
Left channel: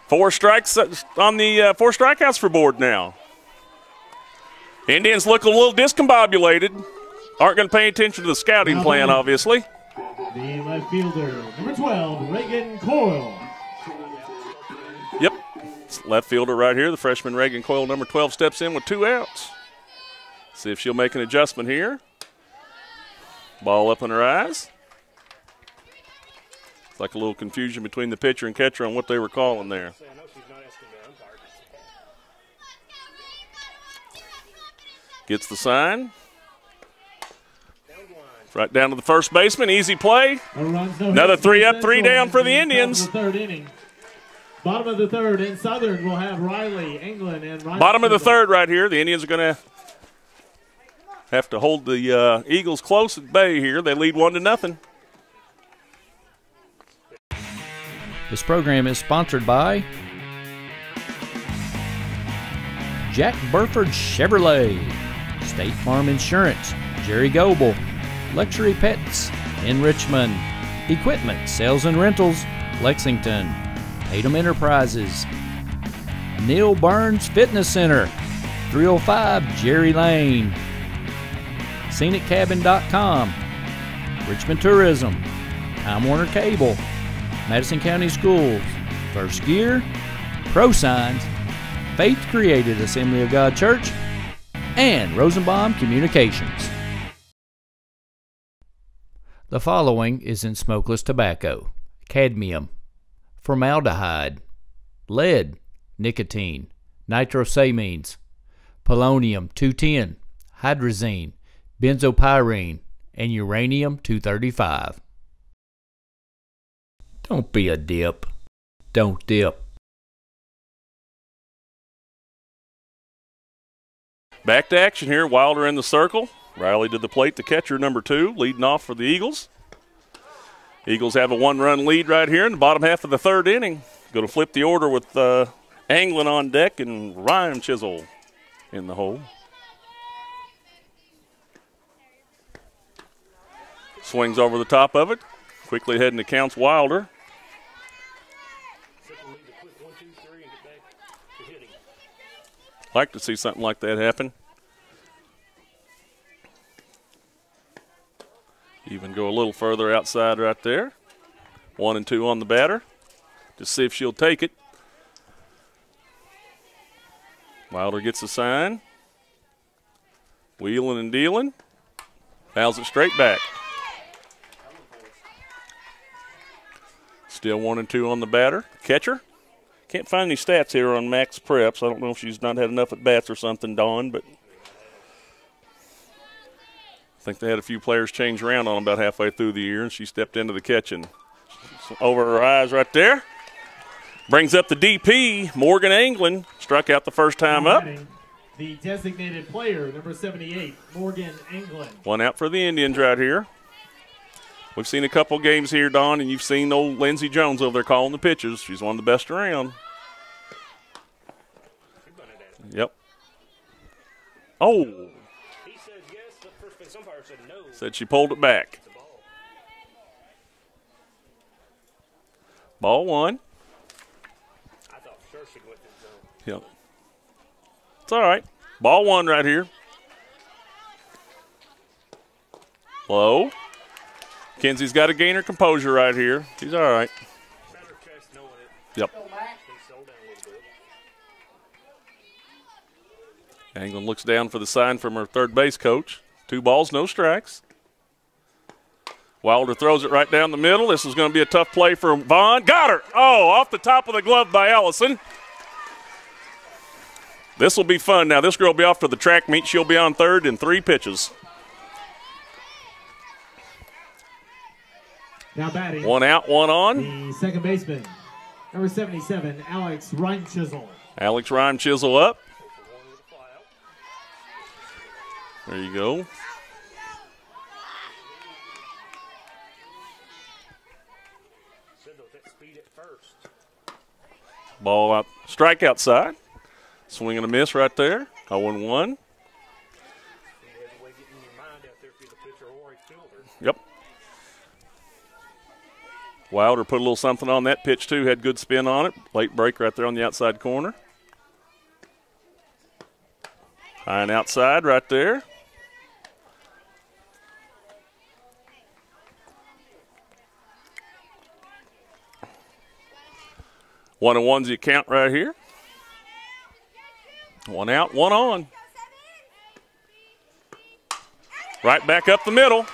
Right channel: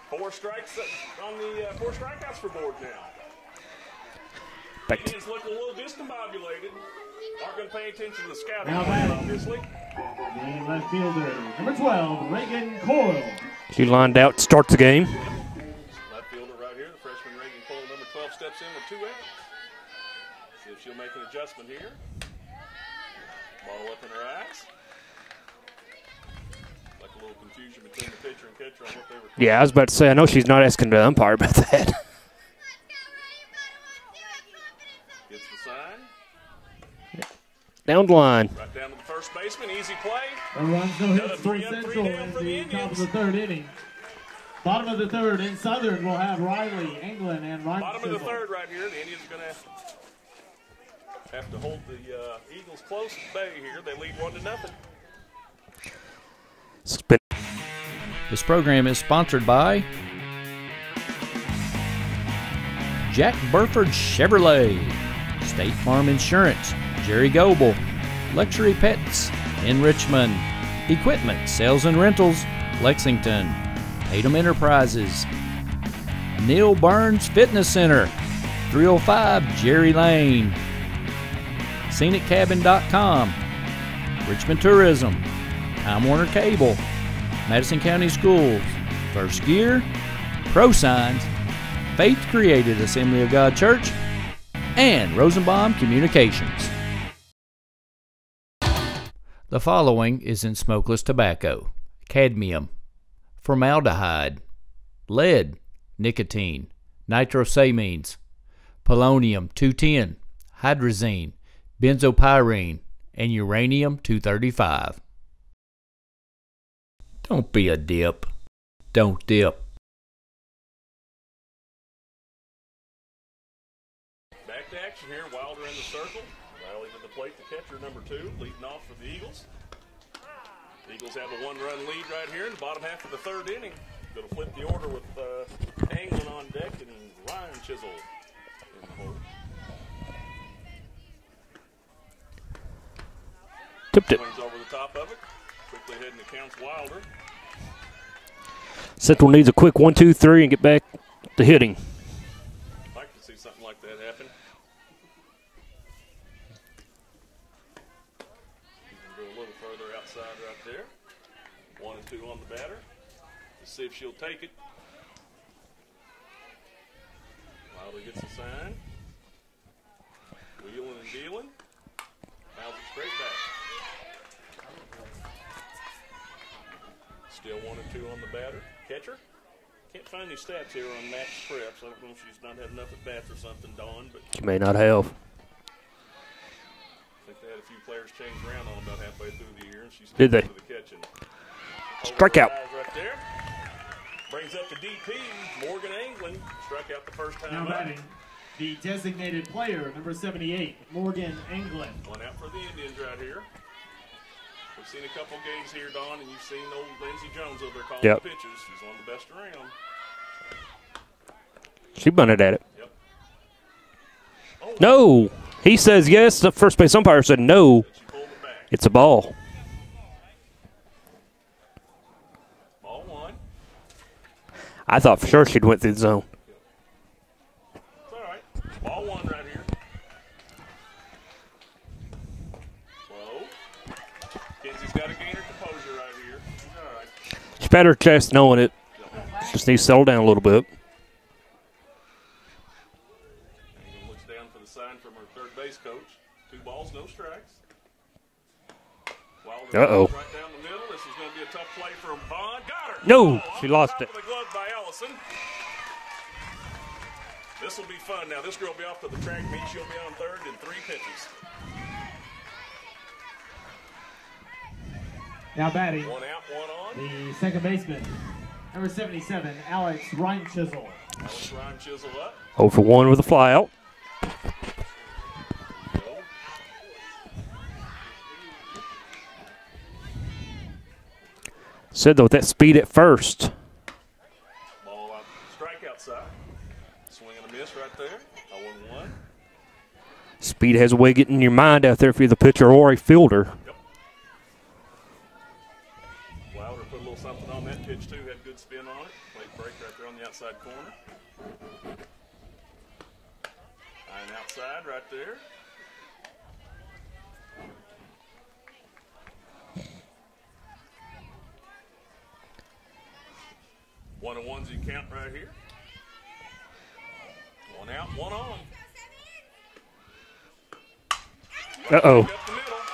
4 strikes on the 4 strikeouts for Board now. Indians look a little discombobulated. Aren't going to pay attention to the scouting plan, obviously. The left fielder, number 12, Reagan Coyle. She lined out to start the game. Yep. Left fielder right here, the freshman Reagan Coyle, number 12, steps in with 2 outs. See if she'll make an adjustment here. Ball up in her eyes. It's like a little confusion between the pitcher and catcher on what they were calling. Yeah, I was about to say, I know she's not asking the umpire about that. Gets the sign. Down the line. Right down to the first baseman. Easy play. Another 3 up, 3 down for the Indians. Third inning. Bottom of the 3rd in Southern will have Riley, England, and Ryan. Bottom of the 3rd right here. The Indians are going to have to hold the Eagles close at bay here. They lead 1-0. This program is sponsored by Jack Burford Chevrolet, State Farm Insurance, Jerry Goebel, Luxury Pets in Richmond, Equipment Sales and Rentals, Lexington, Tatum Enterprises, Neil Burns Fitness Center, 305 Jerry Lane, ScenicCabin.com, Richmond Tourism, Time Warner Cable, Madison County Schools, First Gear, Pro Signs, Faith Created Assembly of God Church, and Rosenbaum Communications. The following is in smokeless tobacco: cadmium, formaldehyde, lead, nicotine, nitrosamines, polonium-210, hydrazine, benzopyrene, and uranium-235. Don't be a dip. Don't dip. Back to action here. Wilder in the circle. Riley to the plate, the catcher, number 2, leading off for the Eagles. Eagles have a 1-run lead right here in the bottom half of the 3rd inning. Going to flip the order with Anglin on deck and Ryan Chisholm in the hole. Swings over the top of it. Quickly heading to counts Wilder. Central needs a quick 1-2-3 and get back to hitting. Like to see something like that happen. Even go a little further outside right there. 1-2 on the batter. to see if she'll take it. Wilder gets the sign. Wheeling and dealing. Fouls it straight back. Still 1-2 on the batter. Catcher. Can't find any stats here on Max Preps. I don't know if she's not had enough at bats or something, Dawn, but She may not have. I think they had a few players change around on about halfway through the year, and she stepped into the catching. Over her eyes right there. Brings up the DP, Morgan Anglin. Struck out the first time up. The designated player, number 78, Morgan Anglin. One out for the Indians right here. We've seen a couple games here, Don, and you've seen old Lindsey Jones over there calling the pitches. She's one of the best around. She bunted at it. Yep. Oh. No. He says yes. The first base umpire said no. Said she pulled it back. It's a ball. Ball one. I thought for sure she'd went through the zone. Yep. It's all right. Ball one right here. Low. Kenzie's got to gain her composure right here. She's all right. She pat her chest knowing it. Yep. Just needs to settle down a little bit. Anglin looks down for the sign from her third base coach. 2 balls, no strikes. Wilder throws it right down the middle. This is going to be a tough play for Vaughn. Got her. No, off the top of the glove by Ellison. This will be fun. Now, this girl will be off to the track meet. She'll be on third in 3 pitches. Now batting. 1 out, 1 on. The second baseman, number 77, Alex Reimchisel. Alex Reimchisel up. 0 for 1 with a fly out. There you go. Said though with that speed at first. Ball out, strike outside. Swing and a miss right there. 0-1. Speed has a way of getting in your mind out there if you're the pitcher or a fielder. Yep. Wilder put a little something on that pitch too. Had good spin on it. Late break right there on the outside corner. High and outside right there. One and one's the count right here. 1 out, 1 on. Right back up the middle.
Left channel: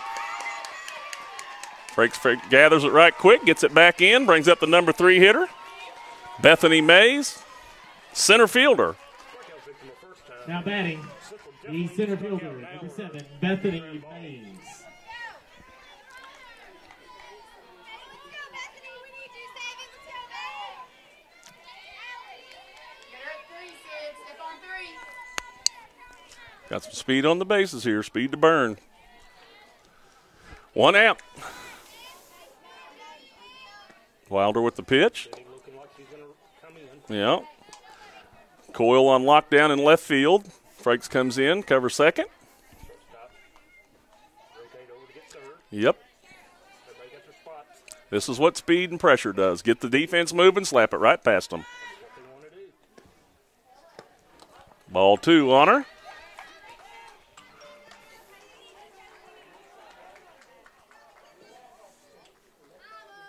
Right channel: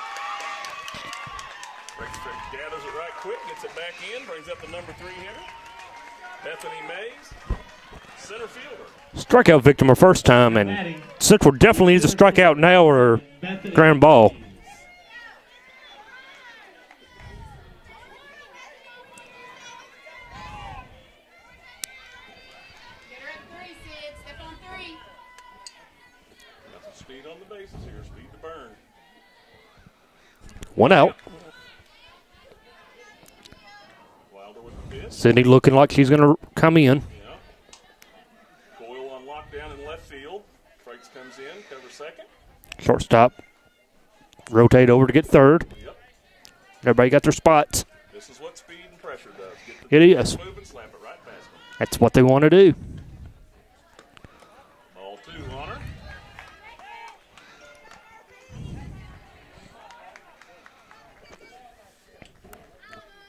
Gathers it right quick, gets it back in, brings up the number 3 hitter, Bethany Mays, center fielder. Strikeout victim her first time, and Central definitely needs a strikeout now or ground ball. Got some speed on the bases here, speed to burn. 1 out. Wilder with the pitch. Sydney looking like she's going to come in. Yeah. Coyle on lockdown in left field. Frakes comes in, covers second. Shortstop. Rotate over to get third. Yep. Everybody got their spots. This is what speed and pressure does. Get the defense moving, slap it right past them. That's what they want to do. Ball 2 on her.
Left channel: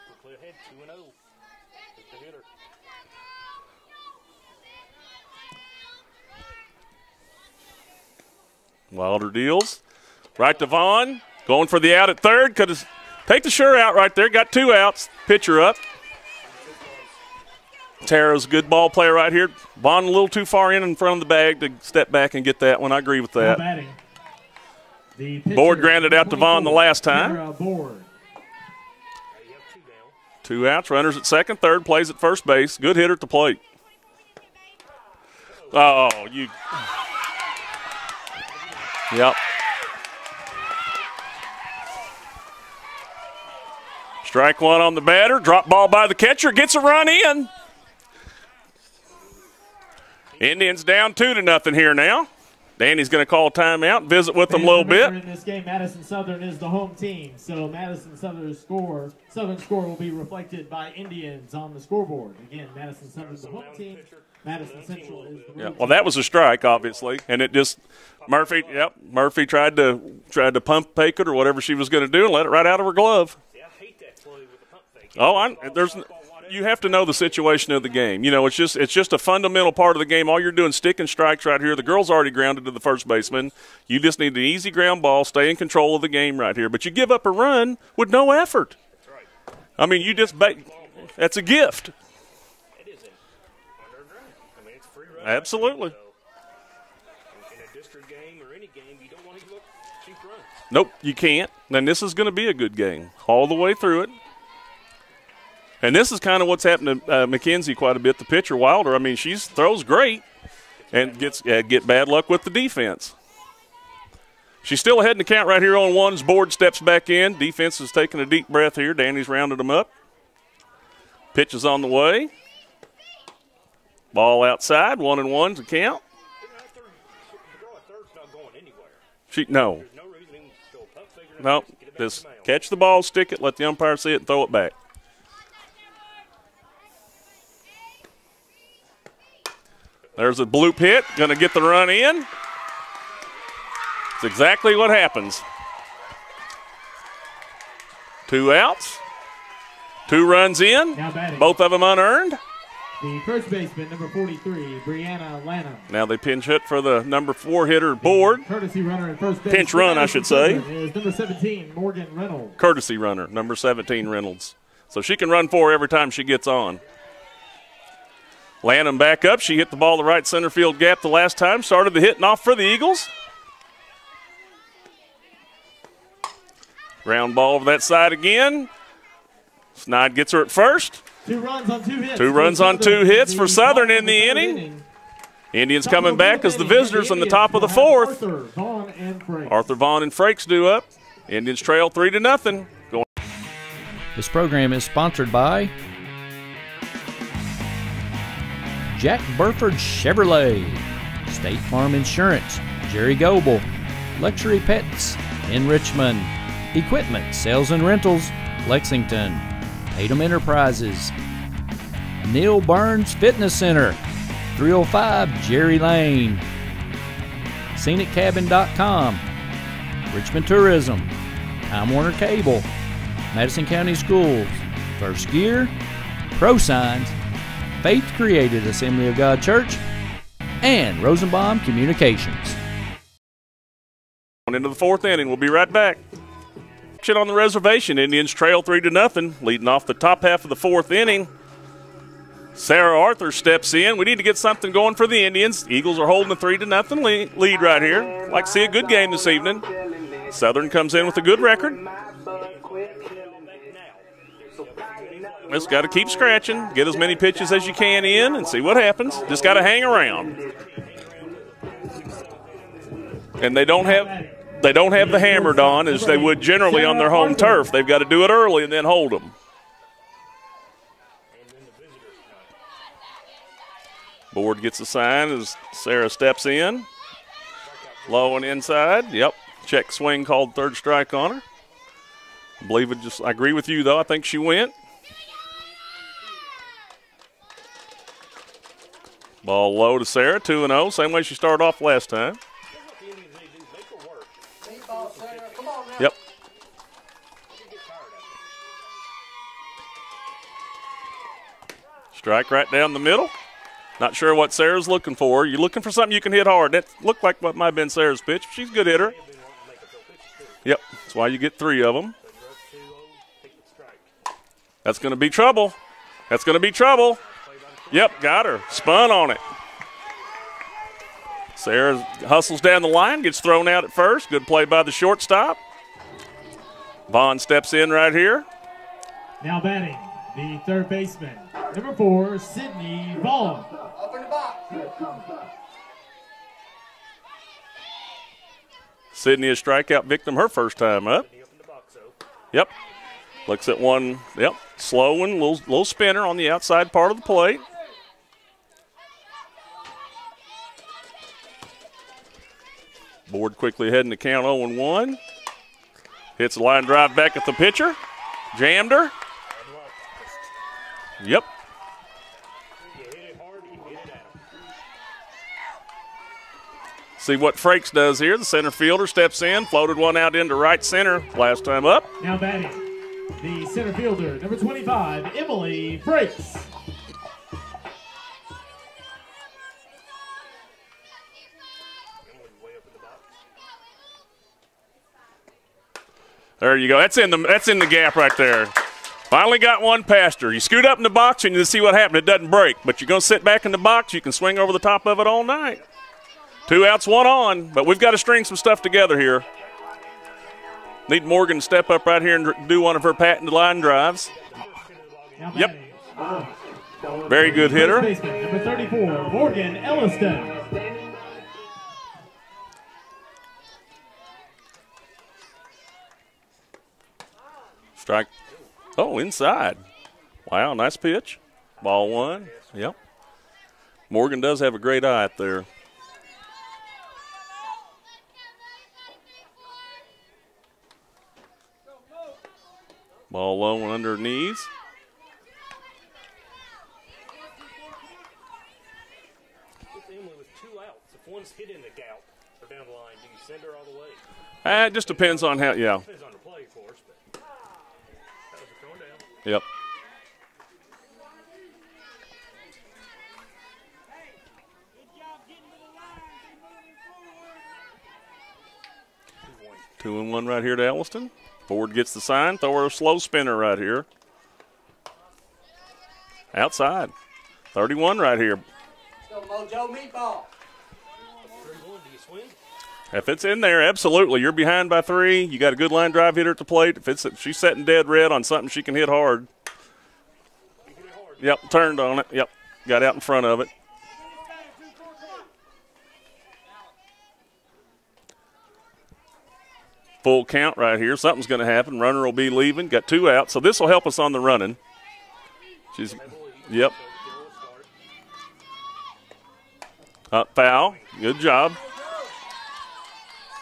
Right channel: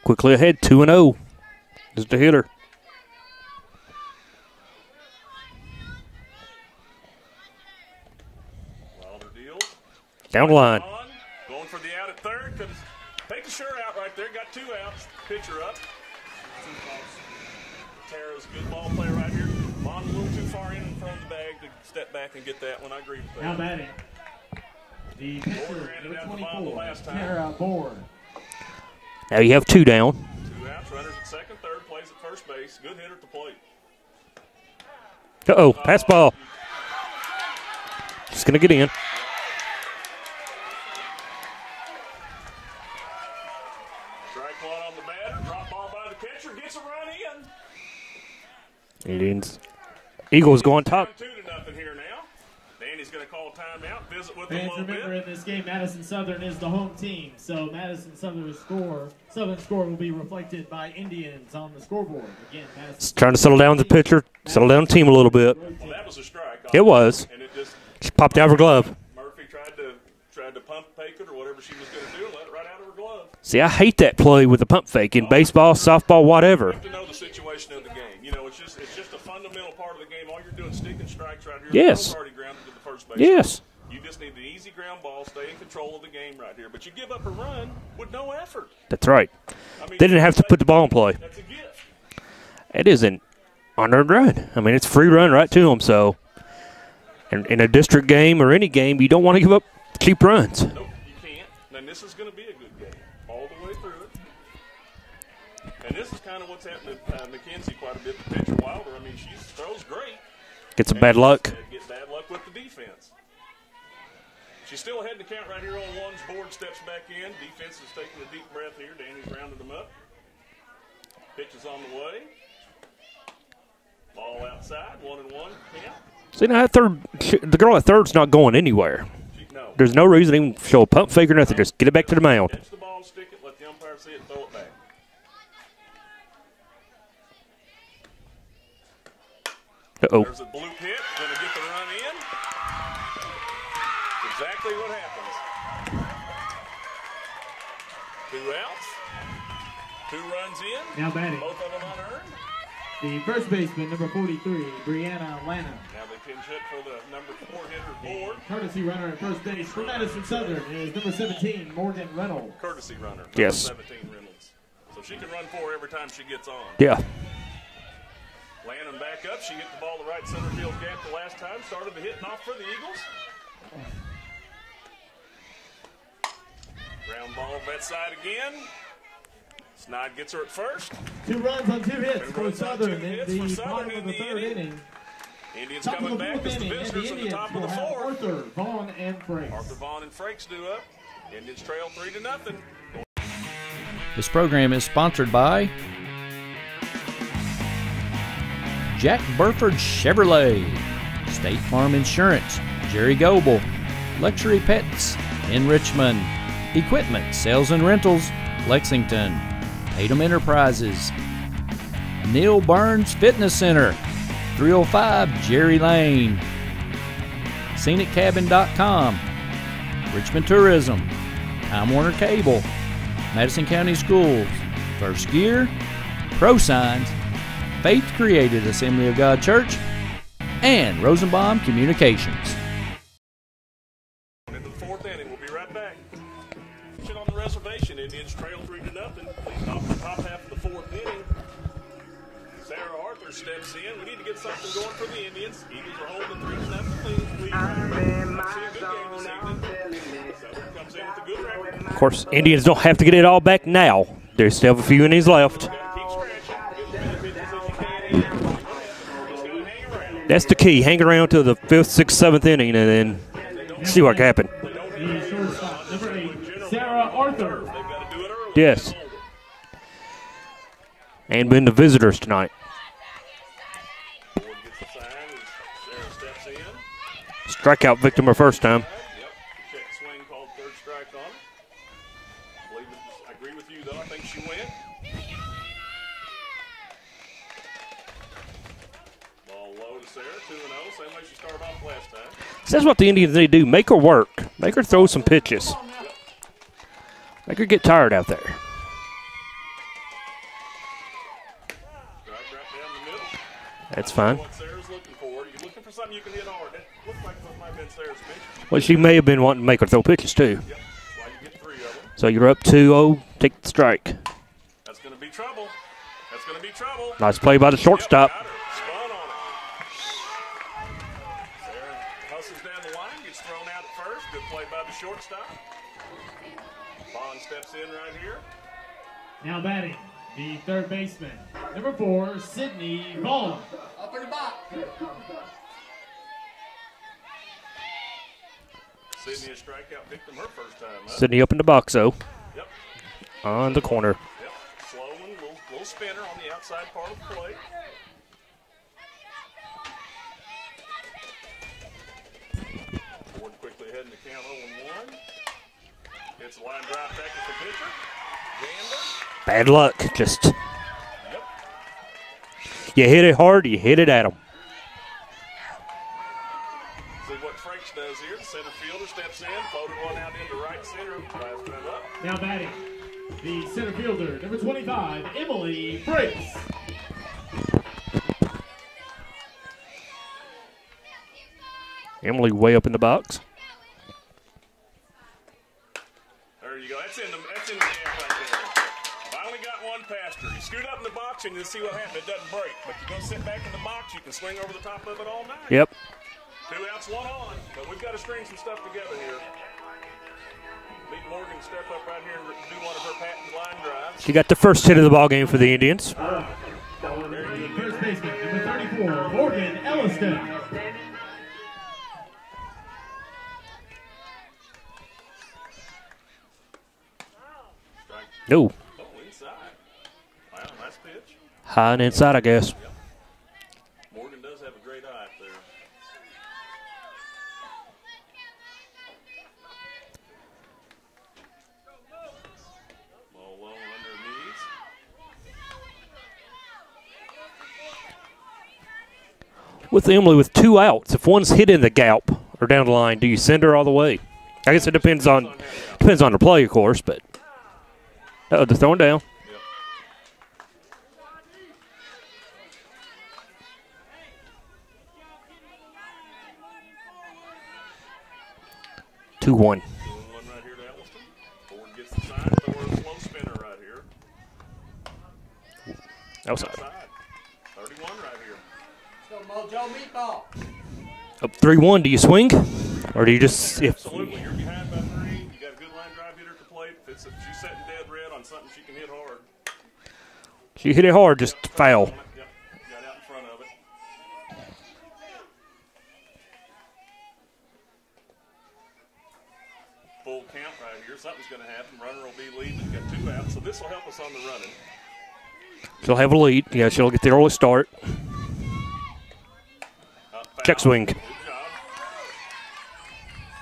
Quickly ahead, 2-0 is the hitter. Wilder deals. Down right line. to Vaughn. Going for the out at third. Could take the sure out right there. Got 2 outs. Pitcher up. Tara's a good ball player right here. Vaughn a little too far in front of the bag to step back and get that one. I agree with that. Board granted out to Vaughn the last time. Now you have 2 down. 2 outs. Runners at second, third. Plays at first base. Good hitter at the plate. Uh-oh, pass ball. It's going to get in. Yep. Strike 1 on the batter. Drop ball by the catcher. Gets a run in. Eagles Indians going down 2-0 here now. Danny's going to call a timeout, visit with them a little bit. In this game, Madison Southern is the home team, so Madison Southern's score will be reflected by Indians on the scoreboard. Again, Madison trying to settle down the pitcher, settle down the team a little bit. Yeah. Well, that was a strike, obviously. It was. And it just popped out of her glove. Murphy tried to tried to pump fake it or whatever she was going to do and let it right out of her glove. See, I hate that play with the pump fake in baseball, softball, whatever. You have to know the situation of the game. You know, it's just a fundamental part of the game. All you're doing is sticking strikes right here. Yes. The girl's already grounded to the first baseman. Yes. You just need an easy ground ball, stay in control of the game right here. But you give up a run with no effort. That's right. I mean, they didn't have to put the ball in play. That's a gift. It is an unearned run. I mean, it's a free run right to them. So, in a district game or any game, you don't want to give up cheap runs. Nope, you can't. And this is going to be a good game all the way through it. And this is kind of what's happened to Mackenzie quite a bit, the pitcher, Wilder. I mean, she throws great. Get some bad luck. Get bad luck with the defense. She's still ahead in the count right here on ones. Board steps back in. Defense is taking a deep breath here. Danny's rounded them up. Pitch is on the way. Ball outside. 1-1 to count. See, now the girl at third's not going anywhere. No. There's no reason to even show a pump fake or nothing. No, just get it back to the mound. Catch the ball, stick it, let the umpire see it, and throw it back. Uh-oh. There's a bloop hit. Going to get the run in. It's exactly what happens. 2 outs. 2 runs in. Both of them unearned. The first baseman, number 43, Brianna Lana. Now they pinch hit for the number 4 hitter Board. Courtesy runner at first base. Pinch run, I should say. Is number 17, Morgan Reynolds. Courtesy runner, number 17, Reynolds. So she can run 4 every time she gets on. Yeah. Lanham back up. She hit the ball the right center field gap the last time. Started the hitting off for the Eagles. Ground ball over that side again. Snide gets her at first. 2 runs on 2 hits. 2 runs on 2 hits for Southern in the inning. Indians coming back as the visitors in the top of the 4th. Arthur Vaughn and Frakes due up. Indians trail 3-0. This program is sponsored by Jack Burford Chevrolet, State Farm Insurance, Jerry Goebel, Luxury Pets in Richmond, Equipment, Sales and Rentals, Lexington, Tatum Enterprises, Neil Burns Fitness Center, 305 Jerry Lane, ScenicCabin.com, Richmond Tourism, Time Warner Cable, Madison County Schools, First Gear, ProSigns, Faith Created Assembly of God Church, and Rosenbaum Communications. Into the 4th inning. We'll be right back. Action on the reservation. Indians trail 3-0, leading off the top half of the 4th inning. Sarah Arthur steps in. We need to get something going for the Indians. Eagles are holding a 3-0 lead right here. Like to see a good game this evening. Southern comes in with a good record. Of course, Indians don't have to get it all back now. They still have a few innings left. Just got to keep scratching, get as many pitches as you can in, and see what happens. Just got to hang around. That's the key. Hang around till the 5th, 6th, 7th inning, and then they don't see what happens. They don't have the hammered on as they would generally on their home turf. They've got to do it early and then hold them. And been the visitors tonight. Board gets a sign as Sarah steps in. Strikeout victim her first inside. time. Yep. Check swing called third strike on her. I agree with you, though. I think she went. Ball low to Sarah, 2-0. Same way she started off last time. That's what the Indians need to do. Make her work. Make her throw some pitches. Yep. Make her get tired out there. Strike right down the middle. That's Not fine. sure what Sarah's looking for. You're looking for something you can hit hard. That looked like what might have been Sarah's pitch. She's a good She hitter. may have been wanting to make her throw pitches, too. Yep. That's why you get 3 of them. So you're up 2-0. Take the strike. That's going to be trouble. That's going to be trouble. Nice play by the shortstop. Yep, got her. Spun on it. Sarah hustles down the line, gets thrown out at first. Good play by the shortstop. Vaughn steps in right here. Now batting, the third baseman, number 4, Sydney Vaughn. Sydney a strikeout victim her first time up. Sydney up in the box, though. Yep. Looks On at the one. corner. Yep. Slow one, little spinner on the outside part of the plate. Board quickly heading to count 0-1. Hits a line drive back at the pitcher. Jammed her. Bad luck. Just Yep. you hit it hard, you hit it at them. See what Frakes does here. The center fielder steps in, floated one out into right center last time up. Now batting, the center fielder, number 25, Emily Frakes. Emily way up in the box. There you go. That's in the gap right there. Finally got one past her. You scoot up in the box and you see what happened. It doesn't break, but you're going to sit back in the box. You can swing over the top of it all night. Yep. 2 outs, 1 on, but we've got to string some stuff together here. Need Morgan to step up right here and do one of her patented line drives. She got the first hit of the ball game for the Indians. Very good hitter. Number 34, Morgan Elliston. Strike. No. Oh, inside. Wow, nice pitch. High and inside, I guess. Yep. Morgan does have a great eye up there. Ball low and under her knees. With Emily with 2 outs, if one's hit in the gap or down the line, do you send her all the way? I guess it depends on how, yeah. Depends on the play, of course, but they're throwing down. Yep. Two 1. 2-1 right here to Elliston. Ford gets the sign. Throw her a slow spinner right here. Outside. 31 right here. Up 3-1. Do you swing? Or do you just in there? Absolutely. You're behind by 3. You got a good line drive hitter at the plate. If she's setting dead red on something she can hit hard. She hit it hard. Just turned on it. Yep. Got out in front of it. Full count right here. Something's going to happen. Runner will be leaving. Got 2 outs. So this will help us on the running. She'll have a lead. Yep. Yeah, she'll get the early start. Foul. Check swing. Good job.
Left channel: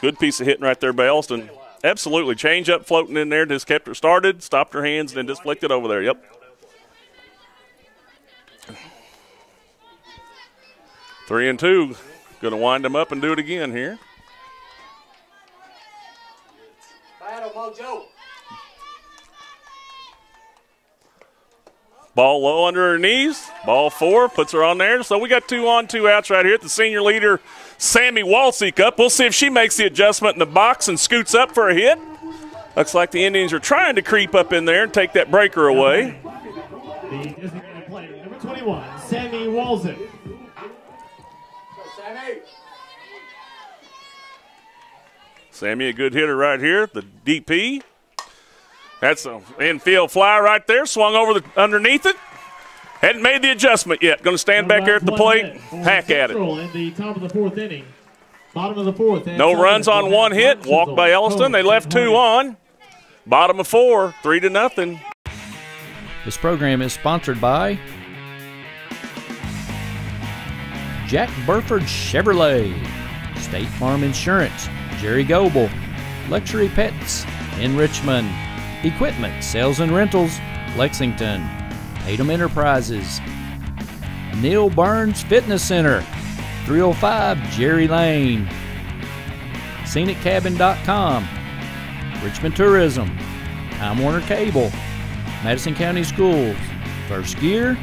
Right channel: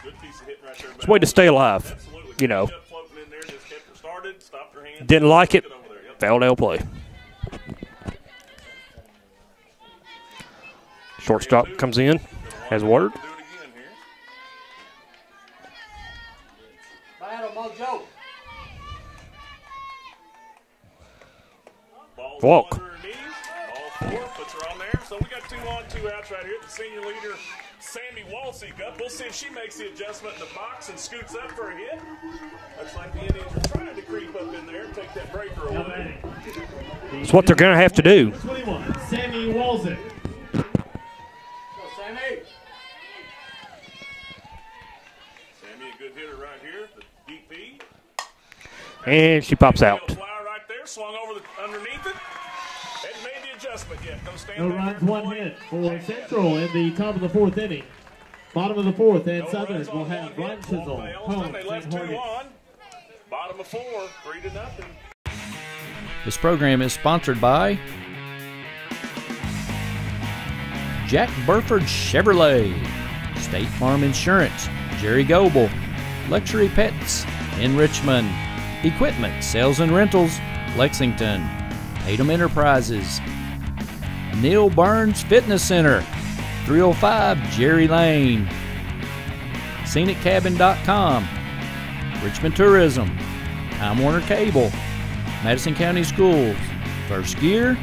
Good piece of hitting right there, Bales. Way to stay alive. Absolutely. Change up floating in there. Just kept her started. Stopped her hands. Didn't and just like it. Over there. Yep. Foul down play. 3-2 comes in. Going to wind them up and do it again here. Ball low under her knees. Ball 4 puts her on there. So we got 2 on, 2 outs right here. The senior leader, Sammy Walsick, up. We'll see if she makes the adjustment in the box and scoots up for a hit. Looks like the Indians are trying to creep up in there and take that breaker away. It's what they're going to have to do. 21, Sammy Walsick. Sammy, a good hitter right here. The DP. And she pops out. Infield fly right there. Swung over underneath it. Hadn't made the adjustment yet. Going to stand back there at the plate. Hack at it. In the top of the 4th inning. Bottom of the 4th. No runs on 1 hit. Walked by Elliston. They left 2 on. Bottom of 4. 3-0. This program is sponsored by Jack Burford Chevrolet, State Farm Insurance, Jerry Goebel, Luxury Pets in Richmond, Equipment, Sales and Rentals, Lexington, Tatum Enterprises, Neil Burns Fitness Center, 305 Jerry Lane, ScenicCabin.com, Richmond Tourism, Time Warner Cable, Madison County Schools, First Gear,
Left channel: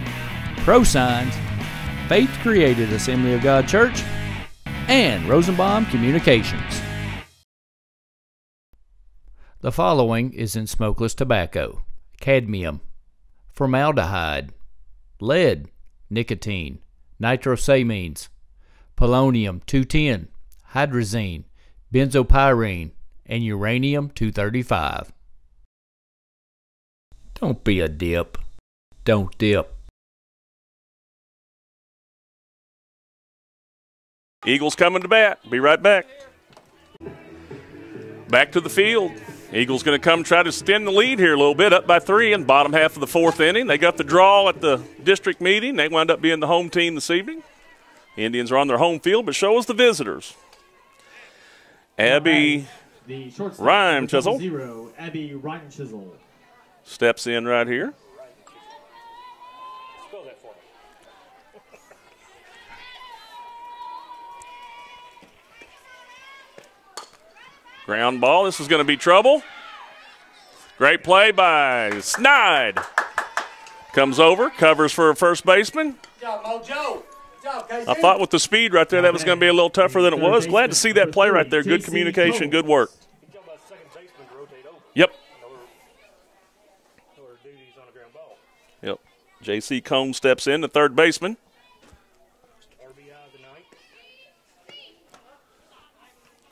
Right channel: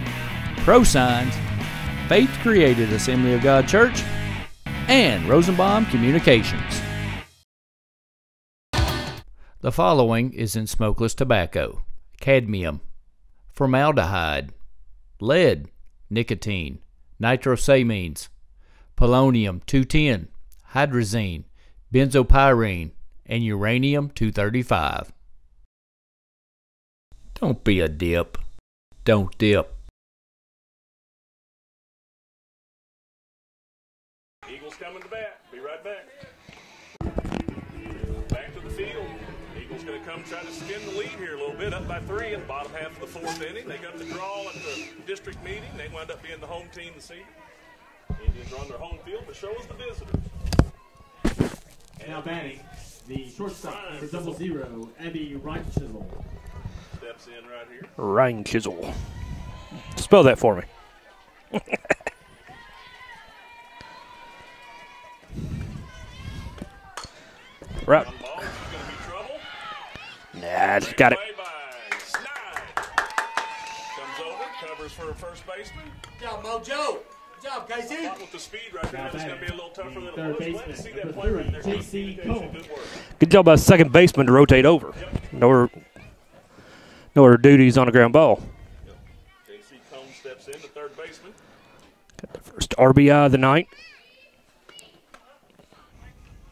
ProSigns, Faith Created Assembly of God Church, and Rosenbaum Communications. The following is in smokeless tobacco: cadmium, formaldehyde, lead, nicotine, nitrosamines, polonium-210, hydrazine, benzopyrene, and uranium-235. Don't be a dip. Don't dip. Eagles coming to bat. Be right back. Back to the field. Eagles going to come try to extend the lead here a little bit, up by 3 in the bottom half of the 4th inning. They got the draw at the district meeting. They wound up being the home team this evening. Indians are on their home field, but show us the visitors. Abby Rhyme Chisel steps in right here. Rhyme Chisel. Spell that for me. Ground ball. This is going to be trouble. Nah, Great play by Snide. Comes over, covers for a first baseman. Good job, Mojo. Good job, Casey. I thought with the speed right there that was going to be a little tougher than it was. Glad to see that play right there. Good communication, good work. Good job by the second baseman to rotate over. Yep. No other duties on the ground ball. Yep. J.C. Combs steps in, the third baseman. Got the first RBI of the night.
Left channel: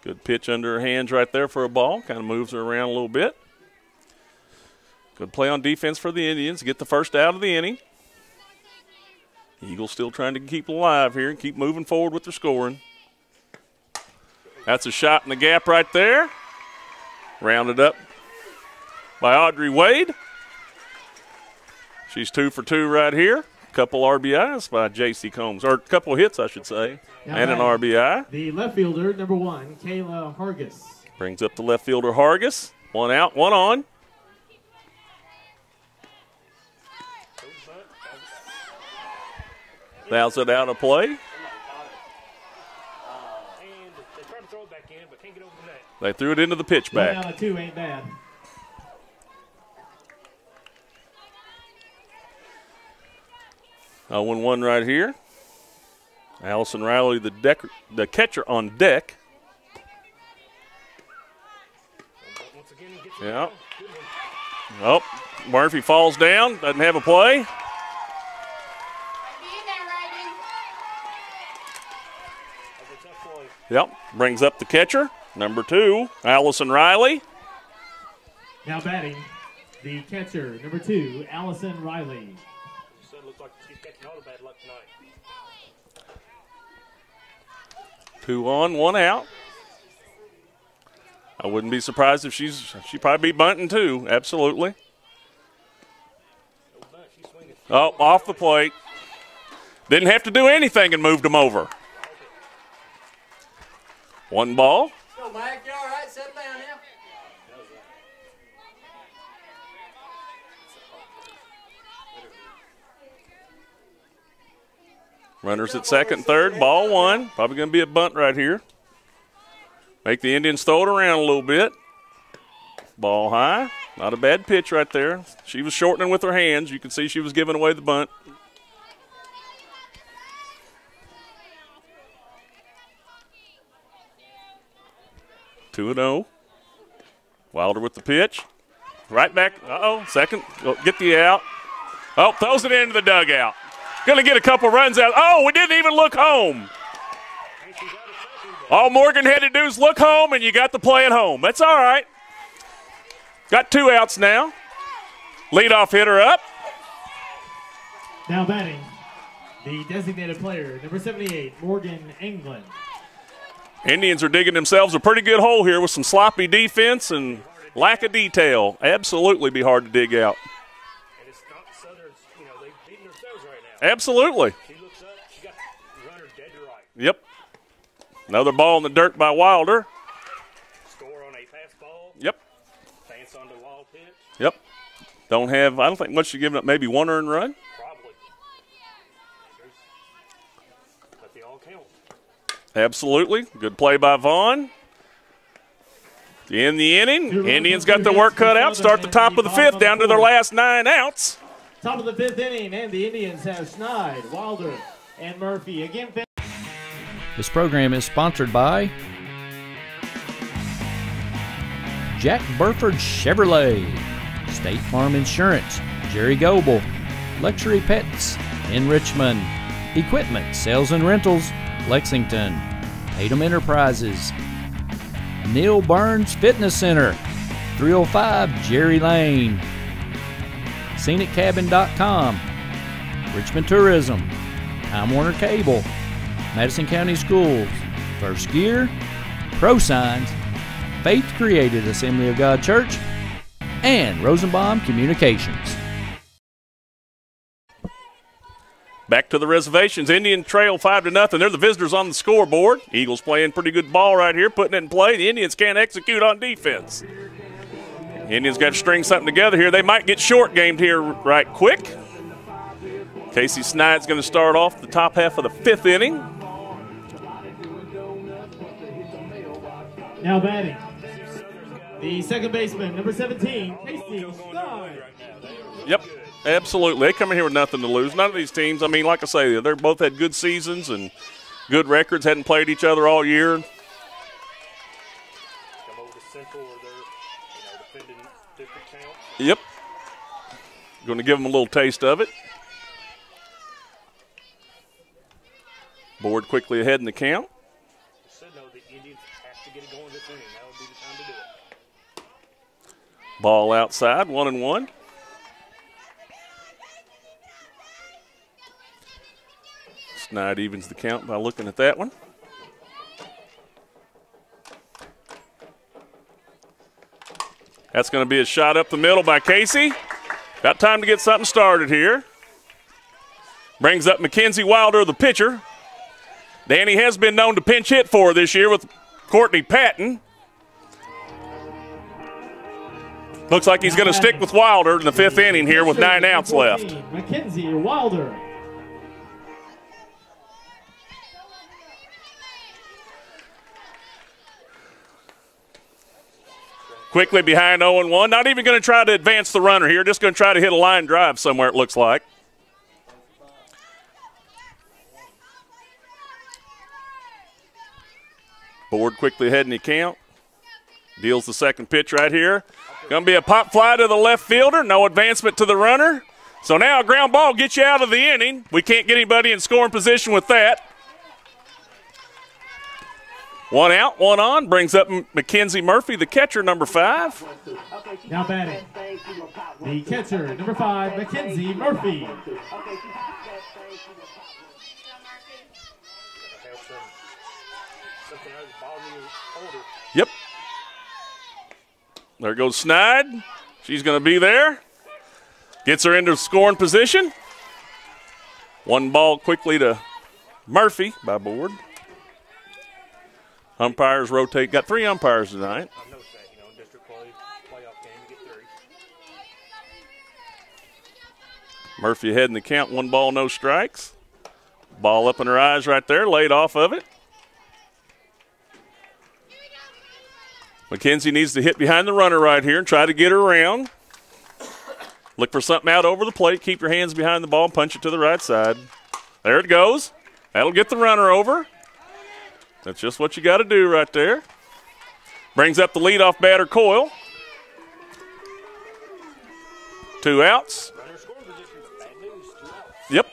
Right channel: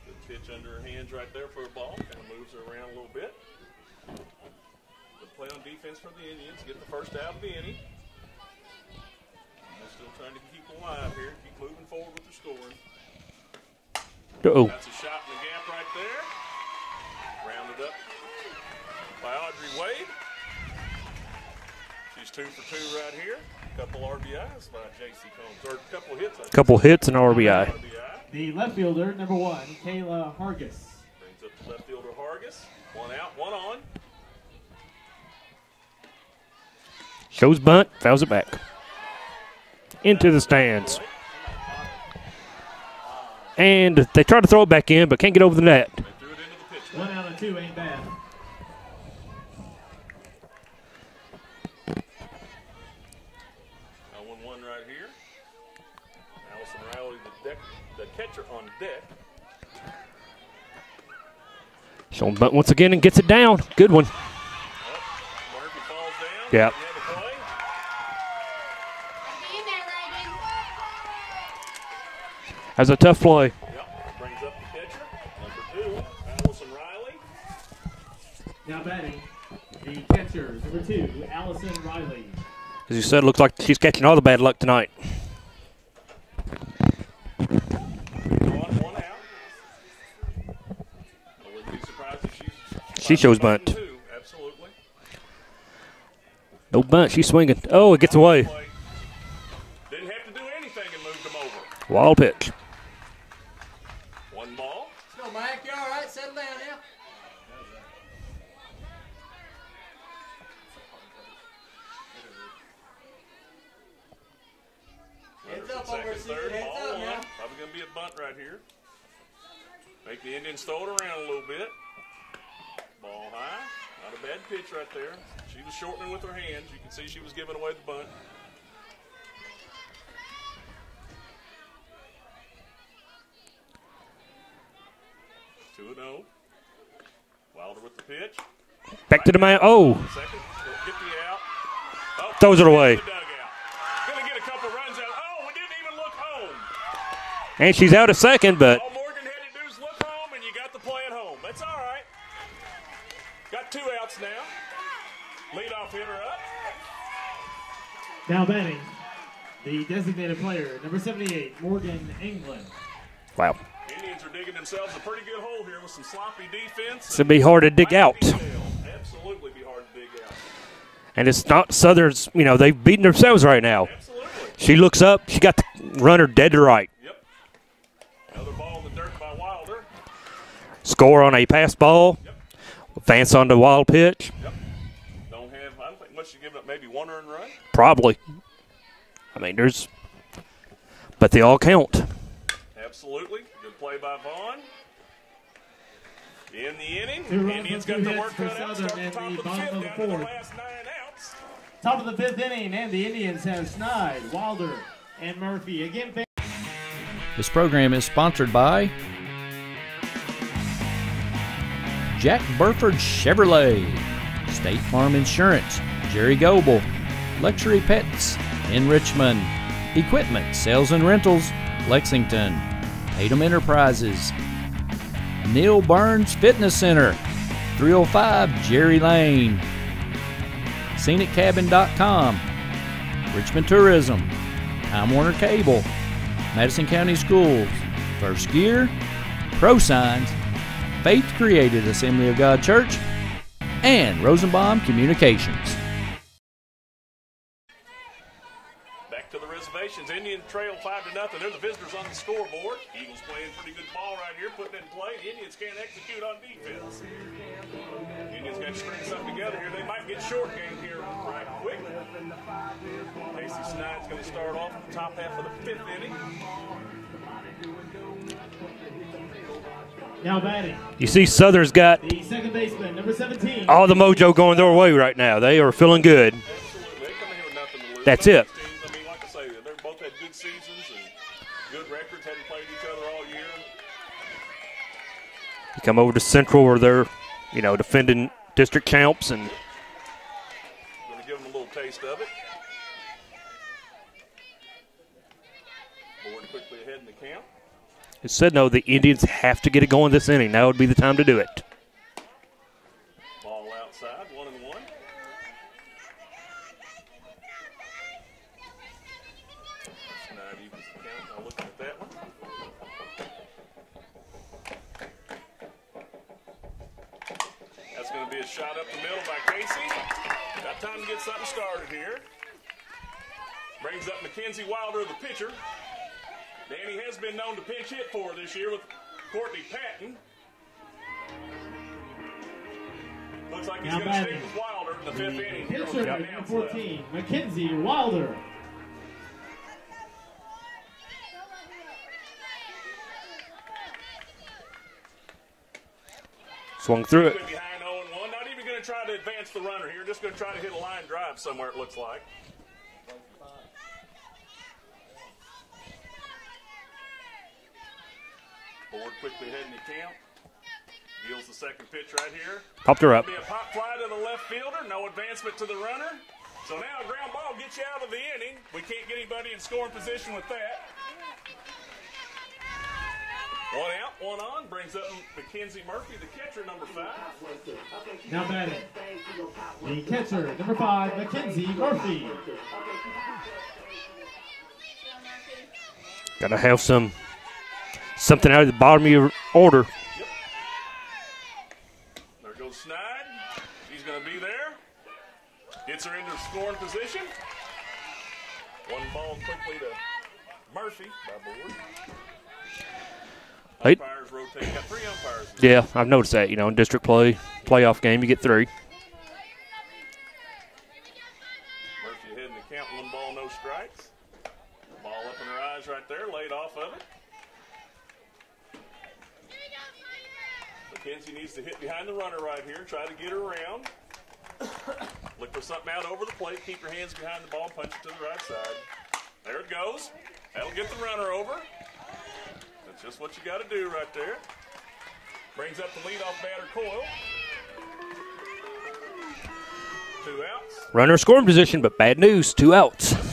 Good pitch under her hands right there for a ball. Kind of moves her around a little bit. Good play on defense for the Indians. Get the first out of the inning. Eagles still trying to keep alive here and keep moving forward with their scoring. Uh-oh. That's a shot in the gap right there. Rounded up by Audrey Wade. She's 2 for 2 right here. Couple RBIs by J.C. Combs, or a couple hits, I should say. Couple hits and RBI. And an RBI. The left fielder, number 1, Kayla Hargis. Brings up the left fielder Hargis. 1 out, 1 on. Shows bunt, fouls it back. Into Fouls the it out of stands. play. And they try to throw it back in, but can't get over the net. They threw it into the pitch 1 back. out of 2 ain't bad. Oh, 1-1 right here. Allison Riley, the catcher on deck. Showing bunt once again and gets it down. Good one. Oh, Murphy falls down. Yeah. Doesn't have a play. That's a tough play. Yep. Brings up the catcher, number 2, Allison Riley. Now batting, the catcher, number 2, Allison Riley. As you said, looks like she's catching all the bad luck tonight. 2 on, 1 out. I wouldn't be surprised if she probably shows bunting bunt. too. Absolutely. No bunt, she's swinging. Oh, it gets off away. The plate. Didn't have to do anything and moved them over. Wild pitch. 1 ball. Go, Mike. You all right? Settle down now. Runners at second, third, ball 1. Probably going to be a bunt right here. Make the Indians throw it around a little bit. Ball high. Not a bad pitch right there. She was shortening with her hands. You can see she was giving away the bunt. Two 2-0. Wilder with the pitch. Back to the man. Oh. Second. Get the out. Oh, Throws it away. in the dugout. Going to get a couple runs out. Oh, we didn't even look home. And she's out a second, but All Morgan had to do is look home, and you got the play at home. That's all right. Got 2 outs now. Leadoff hitter up. Now batting, the designated player, number 78, Morgan England. wow. Indians are digging themselves a pretty good hole here with some sloppy defense. It's gonna be hard to dig lack out. of detail. Absolutely be hard to dig out. And it's not Southern's, they've beaten themselves right now. Absolutely. She looks up, she got the runner dead to right. Yep. Another ball in the dirt by Wilder. Score on a pass ball. Yep. Advance on the wild pitch. Yep. I don't think much you're giving up, maybe 1 earned run. Probably. But they all count. Absolutely. Good play by Vaughn. In the inning, Indians got their work cut out. Start the top of the 5th, down to their last 9 outs. Top of the 5th inning, and the Indians have Snide, Wilder, and Murphy. Again, This program is sponsored by Jack Burford Chevrolet, State Farm Insurance, Jerry Goebel, Luxury Pets in Richmond, Equipment, Sales and Rentals, Lexington, Tatum Enterprises, Neil Burns Fitness Center, 305 Jerry Lane, ScenicCabin.com, Richmond Tourism, Time Warner Cable, Madison County Schools, First Gear, ProSigns, Faith Created Assembly of God Church, and Rosenbaum Communications. Back to the reservations. Indian trail 5-0. They're the visitors on the scoreboard. Eagles playing pretty good ball right here, putting it in play. The Indians can't execute on defense. Indians got to string something together here. They might get short gamed here right quick. Casey Snide's going to start off the top half of the 5th inning. Now batting. You see Southern's got The second baseman, number 17. all the mojo going their way right now. They are feeling good. Absolutely. They come in here with nothing to lose. That's None it. of these teams, I mean, like I say, they're both had good seasons and good records, hadn't played each other all year. You come over to Central where they're, defending district champs. And Yep. Going to give them a little taste of it. Board quickly ahead in the count. It said no, the Indians have to get it going this inning. Now would be the time to do it. Ball outside, 1-1. Snide evens the count by looking at that one. That's going to be a shot up the middle by Casey. Got time to get something started here. Brings up Mackenzie Wilder, the pitcher. Danny has been known to pinch hit for her this year with Courtney Patton. Looks like he's going to stick with Wilder in the fifth inning here with 9 outs left. Mackenzie Wilder. Swung through Quickly it. behind 0-1. Not even going to try to advance the runner here. Just going to try to hit a line drive somewhere, it looks like. Board quickly ahead in the count. Deals the second pitch right here. Popped her Going up. to be a pop fly to the left fielder. No advancement to the runner. So now a ground ball gets you out of the inning. We can't get anybody in scoring position with that. 1 out, 1 on. Brings up Mackenzie Murphy, the catcher, number 5. Now batting. The catcher, number 5, Mackenzie Murphy. Got to have something out of the bottom of your order. Yep. There goes Snide. She's going to be there. Gets her into scoring position. 1 ball quickly to Murphy by board. Umpires rotate. Got 3 umpires tonight. Yeah, I've noticed that. In district playoff game, you get 3. Murphy ahead in the count. 1 ball, no strikes. Ball up in her eyes right there. Laid off of it. Mackenzie needs to hit behind the runner right here and try to get her around. Look for something out over the plate. Keep your hands behind the ball. Punch it to the right side. There it goes. That'll get the runner over. That's just what you got to do right there. Brings up the leadoff batter, Coyle. 2 outs. Runner scoring position, but bad news. 2 outs. Yep.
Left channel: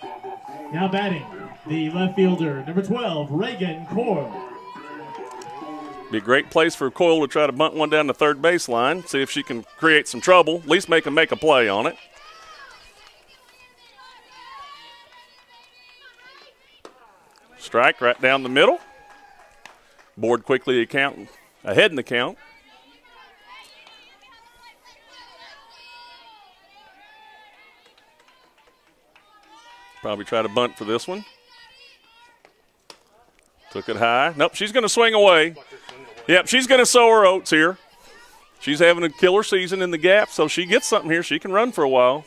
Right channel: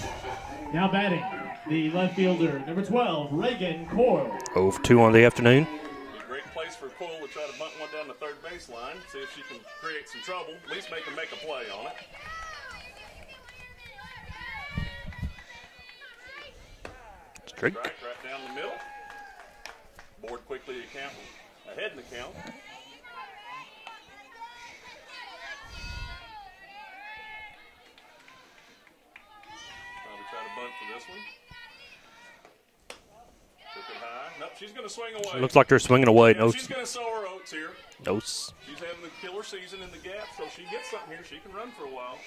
Now batting. The left fielder, number 12, Reagan Coyle. 0 for 2 on the afternoon. Be a great place for Coyle to try to bunt one down the third baseline, see if she can create some trouble, at least make them make a play on it. Strike right down the middle. Board quickly ahead in the count. Probably try to bunt for this one. Took it high. Nope, she's going to swing away. Looks like they're swinging away. Yep, she's going to sow her oats here. Oats. She's having a killer season in the gap, so she gets something here. She can run for a while.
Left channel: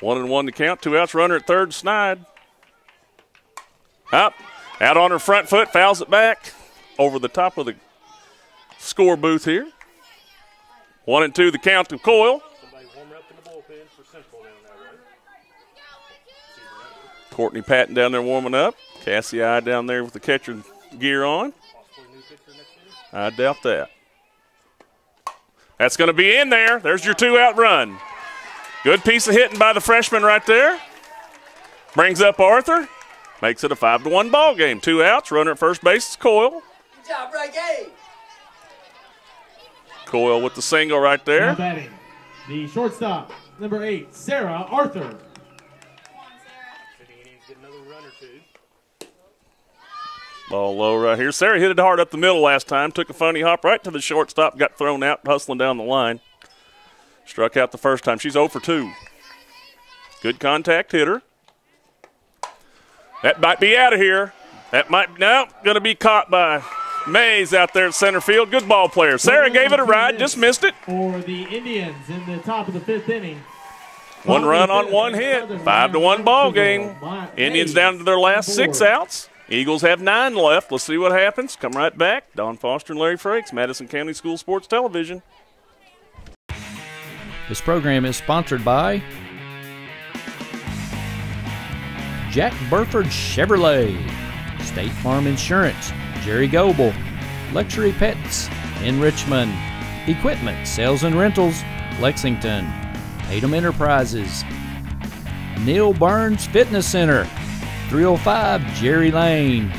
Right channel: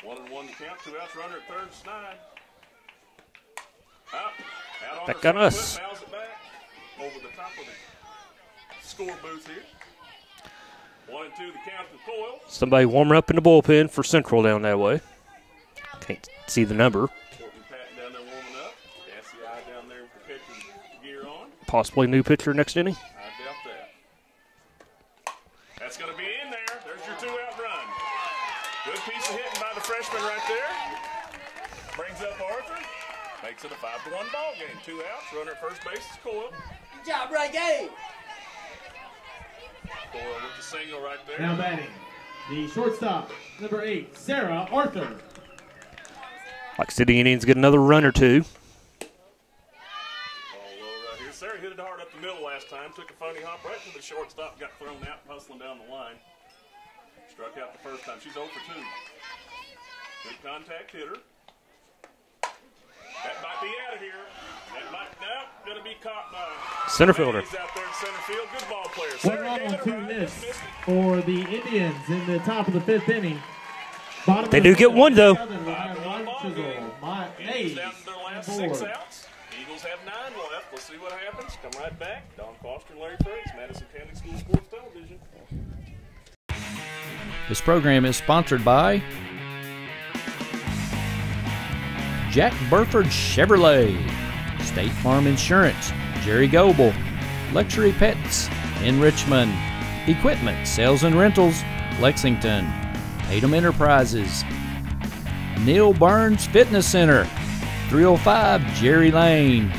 1-1 to count. 2 outs. Runner at third. Snide. Up. Out on her front foot. Fouls it back. Over the top of the score booth here. 1-2 the count to Coyle. Somebody warming up in the bullpen for Central down that way. Can't see the number. Courtney Patton down there warming up. Cassie I down there with the catcher gear on. Possibly new pitcher next inning. I doubt that. That's going to be in there. There's your 2-out run. Good piece of hitting by the freshman right there. Brings up Arthur. Makes it a 5-1 ball game. 2 outs. Runner at first base is Coyle. Good job, Reagan. Coyle with the single right Now there. batting. The shortstop, number 8, Sarah Arthur. Like City Indians get another run or 2. Ball low right here. Sarah hit it hard up the middle last time. Took a funny hop right to the shortstop. Got thrown out, hustling down the line. Struck out the first time. She's 0 for 2. Good contact hitter. That might be out of here. That might, no, going to be caught by Center Mays fielder. out there at center field. Good ball player. Sarah gave it a ride, just missed it. For the Indians in the top of the 5th inning. 1 They run do on get 1 one, though. hit. 5-1 ball game. Indians down to their last 6 outs. Eagles have 9 left. Let's see what happens. Come right back. Don Foster and Larry Frakes, Madison County School Sports Television. This program is sponsored by Jack Burford Chevrolet, State Farm Insurance, Jerry Goebel, Luxury Pets in Richmond, Equipment Sales and Rentals, Lexington, Tatum Enterprises, Neil Burns Fitness Center, 305 Jerry Lane,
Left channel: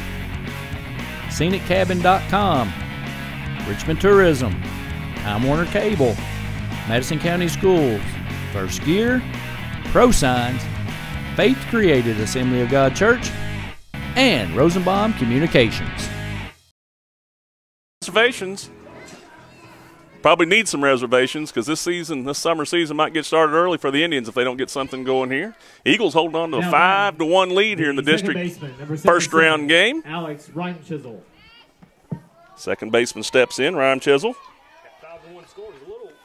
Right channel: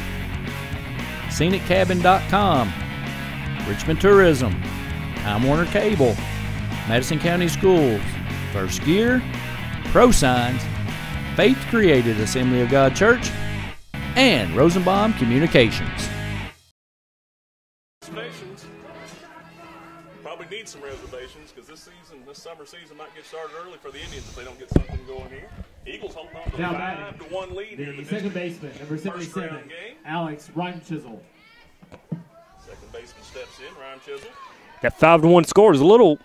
ScenicCabin.com, Richmond Tourism, Time Warner Cable, Madison County Schools, First Gear, Pro Signs, Faith Created Assembly of God Church, and Rosenbaum Communications. Reservations. Probably need some reservations because this summer season might get started early for the Indians if they don't get something going here. Eagles holding on to a 5-1 lead here in the district first round game. Alex Rhyme-Chisel. Second baseman steps in, Rhyme-Chisel. That 5-1 score is a little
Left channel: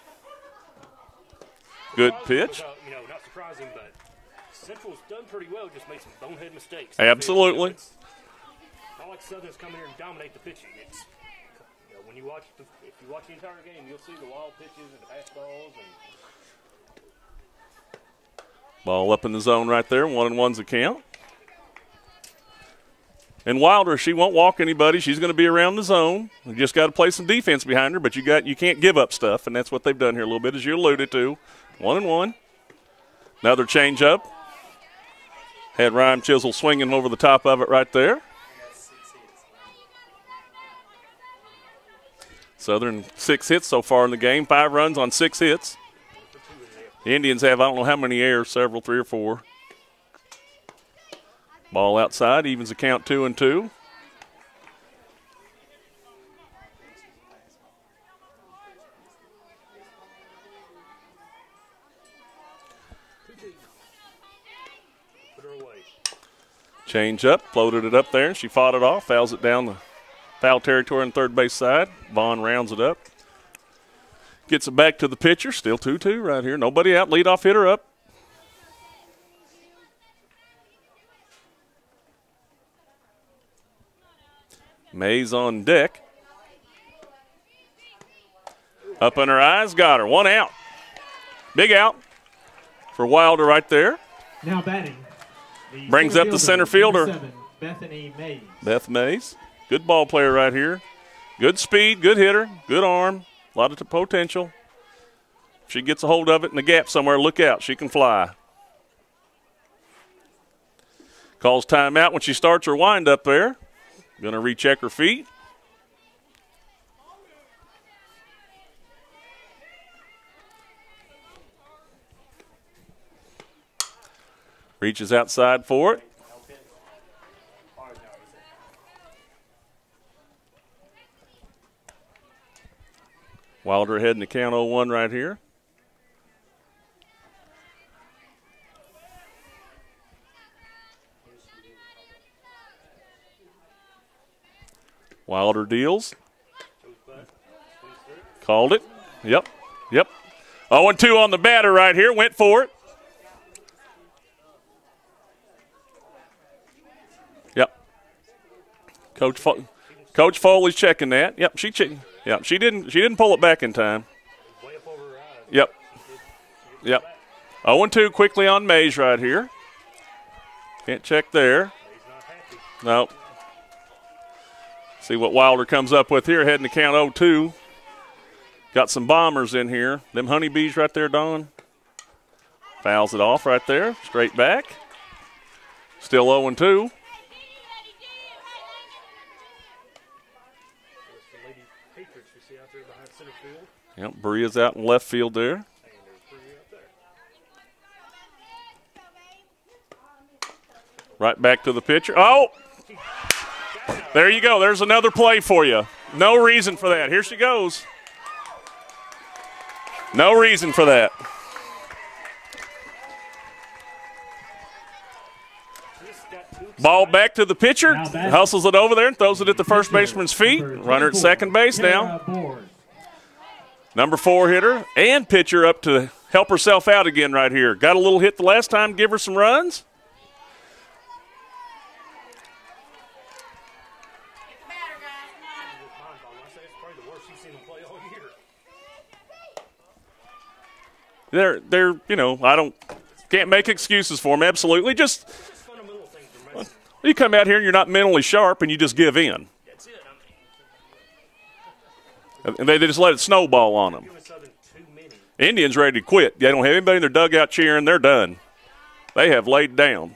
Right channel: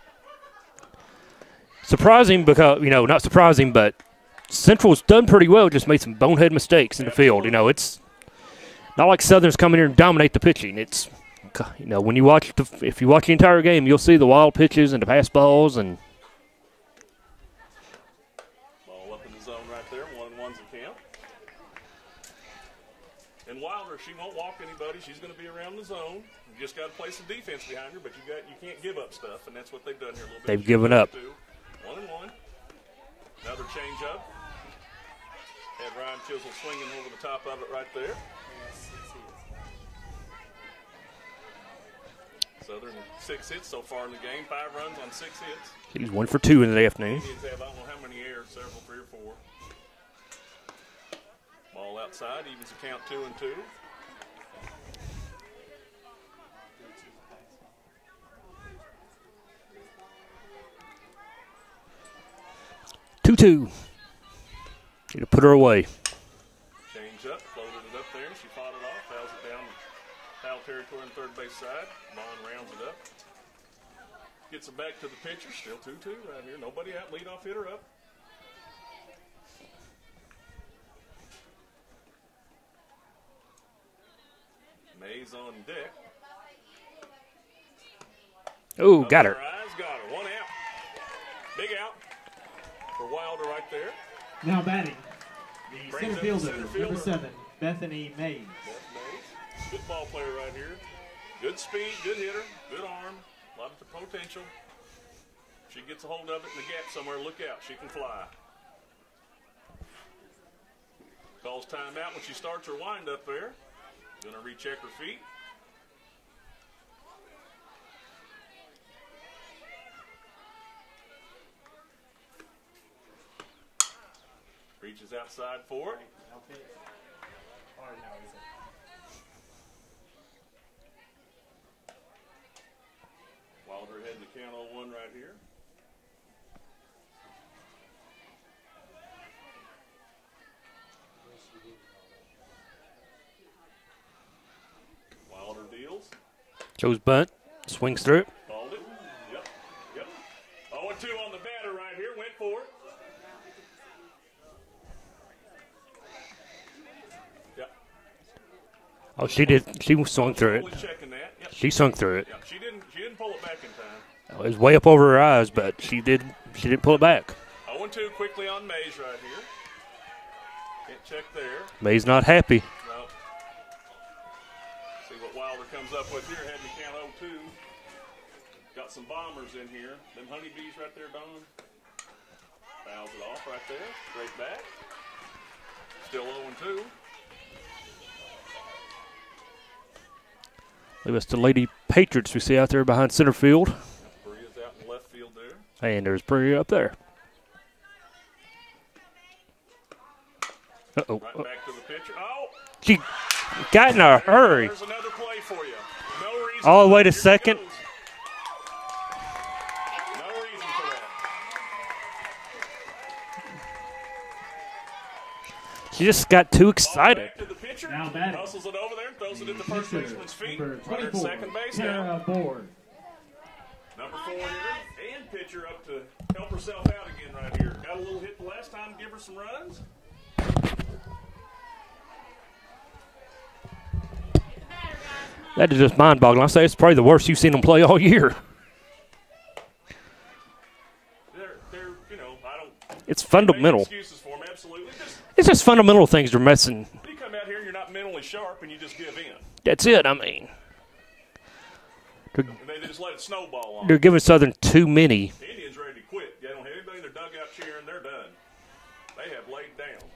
surprising because, not surprising, but Central's done pretty well, just made some bonehead mistakes in the field. It's not like Southern's come in here and dominate the pitching. It's, when you watch if you watch the entire game, you'll see the wild pitches and the pass balls. And ball up in the zone right there, 1-1's the count. And Wilder, she won't walk anybody. She's going to be around the zone. You just got to play some defense behind her, but you can't give up stuff, and that's what they've done here a little bit, as you alluded to. 1-1. Another change up. Had Rhyme-Chisel swinging over the top of it right there. Southern 6 hits so far in the game, 5 runs on 6 hits. He's 1 for 2 in the afternoon. Indians have, I don't know how many errors, several, 3 or 4. Ball outside, evens the count 2-2. Need to put her away. Change up, floated it up there. She fought it off, fouls it down the foul territory on third base side. Vaughn rounds it up. Gets it back to the pitcher. Still 2-2 right here. Nobody out. Leadoff hitter up. Mays on deck. Ooh, up in her eyes. Got her. 1 out. Big out for Wilder right there. Now batting. Brings up the center fielder. 7, Bethany Mays. Beth Mays. Good ball player right here. Good speed, good hitter, good arm, a lot of potential. If she gets a hold of it in the gap somewhere, look out. She can fly. Calls timeout when she starts her wind up there. Going to recheck her feet. Reaches outside for it. Wilder ahead in the count 0-1 right here. Wilder deals. Joe's bunt. Swings through it. Called it. Yep. 0-2 on the batter right here. Went for it. Yep. Coach Foley's checking that. Yep. She swung through it. Yep. She didn't pull it back in time. It was way up over her eyes, Yep. but she didn't pull it back. 0-2 quickly on Mays right here. Can't check there. Mays not happy. No. See what Wilder comes up with here, heading to count 0-2. Got some bombers in here. Them honeybees right there, Don. Fouls it off right there, straight back. Still 0-2. I believe it's the Lady Patriots we see out there behind center field. Yep, Berea's out in left field there. And there's Berea up there. Uh-oh. Right back to the pitcher. Oh! She got in a There you hurry. go. There's another play for you. No reason All for the way that. to Here second. she goes. No reason for that. She just got too excited. Ball back to the pitcher. Hustles it over there and throws it at the first baseman's feet. Runner at second base now. Number 4 hitter and pitcher up to help herself out again right here. Got a little hit the last time, give her some runs. That is just mind-boggling. I say it's probably the worst you've seen them play all year. They're you know, It's can't make fundamental. excuses for them. Absolutely. It's just fundamental things they're messing. You come out here and you're not mentally sharp and you just give in. That's it, I mean. And they just let it snowball on You're them. giving Southern too many. Indians ready to quit. They don't have anybody in their dugout cheering. They're done. They have laid down.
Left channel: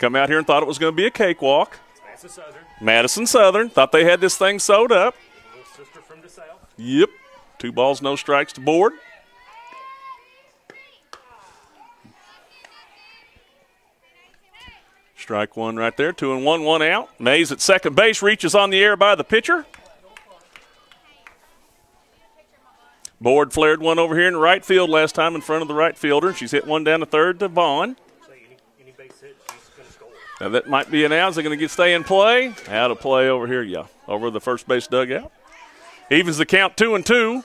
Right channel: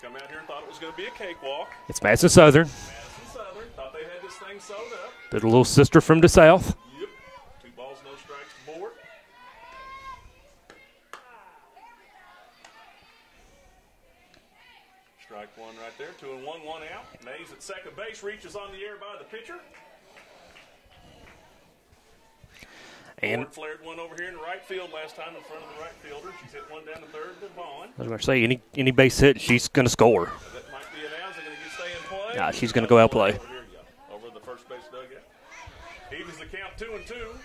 Come out here and thought it was going to be a cakewalk. It's Madison Southern, Madison Southern thought they had this thing sewed up. the little sister from the South. Yep. 2 balls, no strikes to board. Strike one right there. 2-1, 1 out. Mays at second base reaches on the air by the pitcher. Board flared one over here in the right field last time in front of the right fielder. She's hit one down to third to Vaughn. I was going to say, any base hit, she's going to score. Now that might be an out. Is it going to stay in play? Nah, she's gonna out go of out play play. over here, yeah. Over the first base dugout. Evens the count 2-2.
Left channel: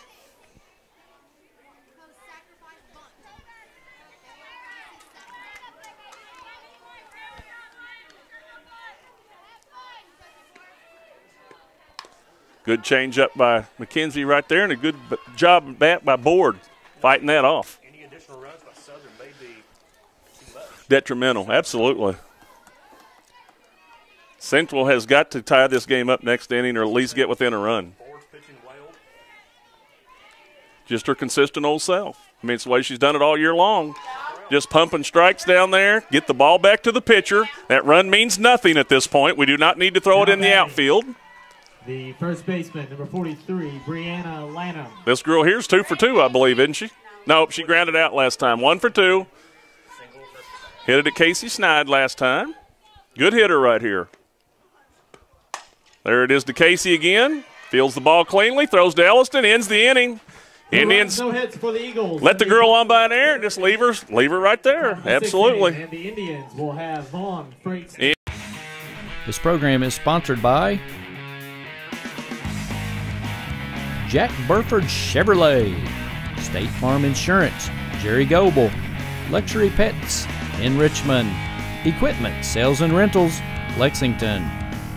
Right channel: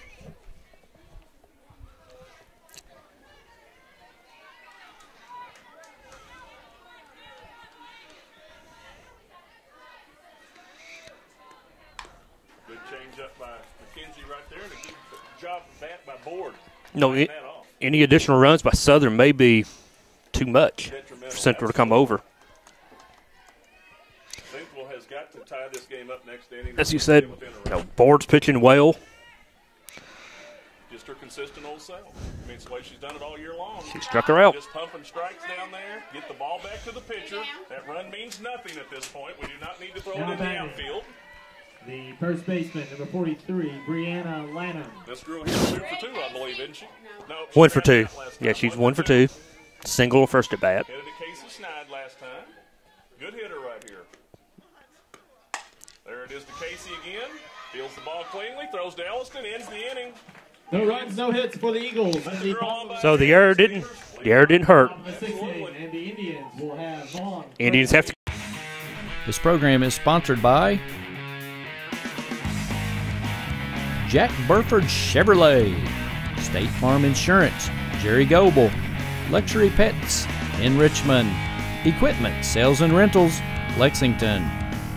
Good change up by McKenzie right there, and a good job bat by Board fighting that off. Any additional runs by Southern may be too much. Detrimental, Central to come absolutely. over. Central has got to tie this game up next inning or As at you least said, get within a run. Board's pitching well. Just her consistent old self. I mean, it's the way she's done it all year long. She struck her out. Just pumping strikes down there, get the ball back to the pitcher. That run means nothing at this point. We do not need to throw it in the outfield. The first baseman, number 43, Brianna Lanham. This girl here's 2 for 2, I believe, isn't she? Nope, she One for grounded two. out last Yeah, time. she's 1 for 2. Single first at bat. Hit it at Casey Snide last time. Good hitter right here. There it is to Casey again. Fields the ball cleanly, throws to Elliston, ends the inning. Indians No hits for the Eagles. let the girl on by So an the air. error Just leave her the error right didn't there. hurt. Absolutely. And the Indians will have Vaughn. Indians have to This program is sponsored by Jack Burford Chevrolet, State Farm Insurance, Jerry Goebel, Luxury Pets in Richmond, Equipment, Sales and Rentals, Lexington,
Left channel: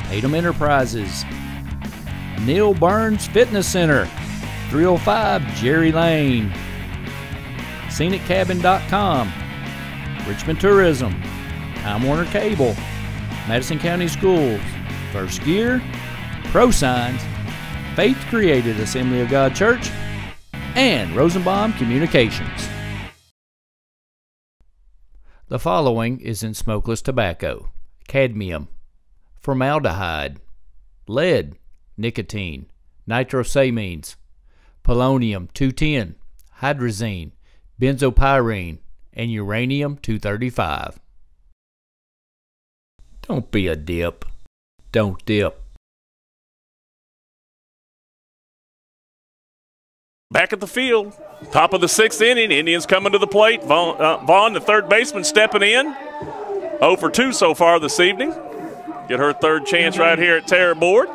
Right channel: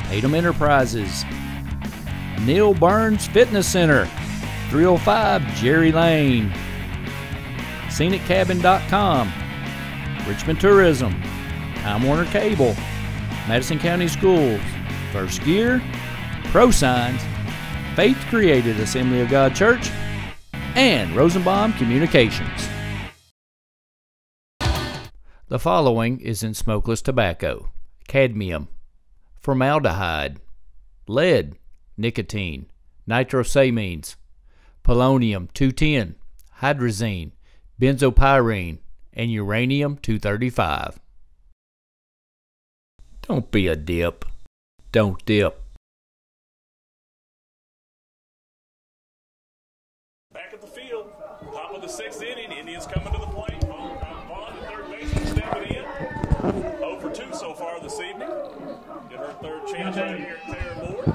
Tatum Enterprises, Neil Burns Fitness Center, 305 Jerry Lane, ScenicCabin.com, Richmond Tourism, Time Warner Cable, Madison County Schools, First Gear, ProSigns, Faith Created Assembly of God Church, and Rosenbaum Communications. The following is in smokeless tobacco: cadmium, formaldehyde, lead, nicotine, nitrosamines, polonium-210, hydrazine, benzopyrene, and uranium-235. Don't be a dip. Don't dip. Back at the field, top of the 6th inning. Indians coming to the plate. Vaughn, the third baseman, stepping in. 0 for 2 so far this evening. Get her third chance right here at Terra Board.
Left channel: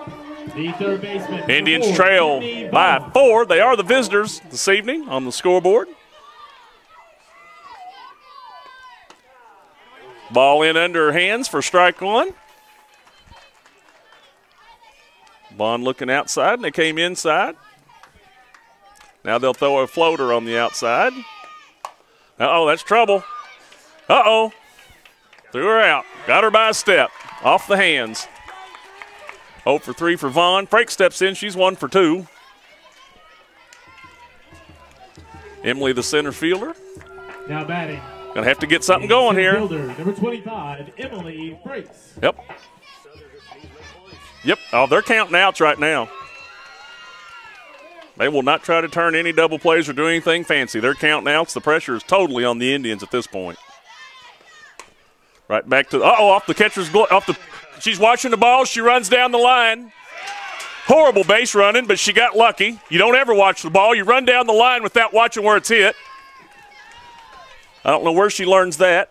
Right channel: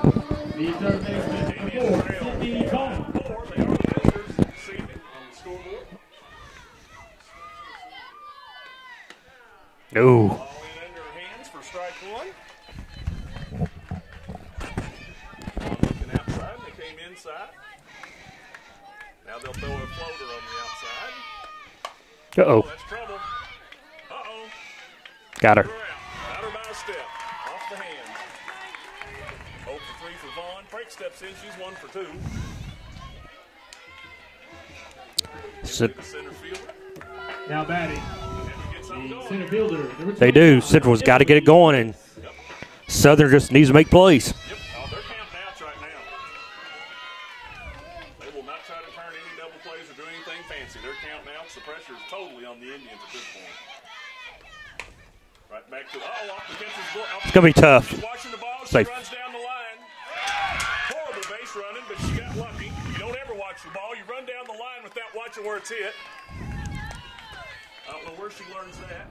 The third baseman. Indians trail by 4. They are the visitors this evening on the scoreboard. No. Ball in under her hands for strike one. Vaughn looking outside, and they came inside. Now they'll throw a floater on the outside. Uh-oh. Oh, that's trouble. Uh-oh. Got Threw her. her out. Got her by a step. Off the hands. 0 for 3 for Vaughn. Frake steps in. She's 1 for 2. Emily, the center fielder. Now batting. Gonna have to get something going here. They do. Central's got to get it going, and Yep. Southern just needs to make plays. Yep. Oh, they're counting outs right now. They will not try to turn any double plays or do anything fancy. They're counting outs. The pressure is totally on the Indians at this point. Right back to off the catcher's glove. It's gonna be tough. She's watching the ball. She runs down the line. Horrible base running, but she got lucky. You don't ever watch the ball. You run down the line without watching where it's hit. I don't know where she learns that.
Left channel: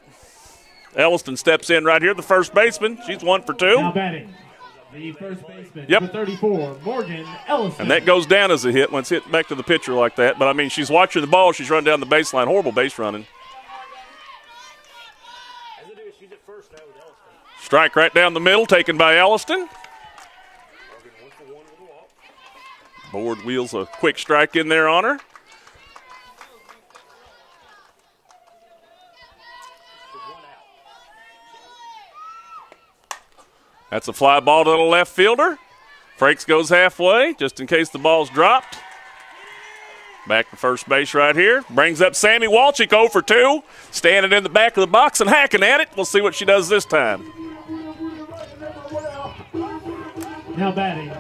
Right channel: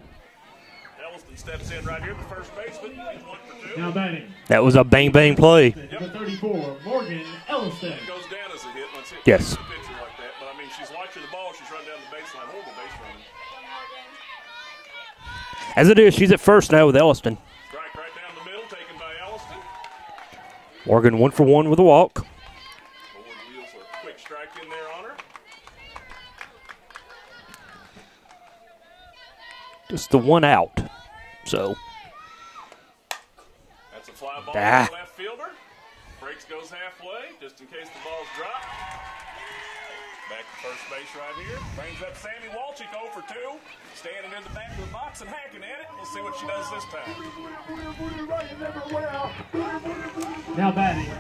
Elliston steps in right here, the first baseman. She's 1 for 2. Now batting. That was a bang-bang play. Yep. Number 34, Morgan Ellison. And that goes down as a hit when it's hit back Yes. to the pitcher like that. But, I mean, she's watching the ball. She's run down the baseline. Horrible base running. As it is, she's at first now with Elliston. Strike right down the middle, taken by Elliston. Morgan 1 for 1 with a walk. Board wheels a quick strike in there on her. Just the one out. So that's a fly ball to the left fielder. Frakes goes halfway just in case the ball's dropped. Back to first base right here. Brings up Sammy Walchik 0 for 2. Standing in the back of the box and hacking at it. We'll see what she does this time. Now batting,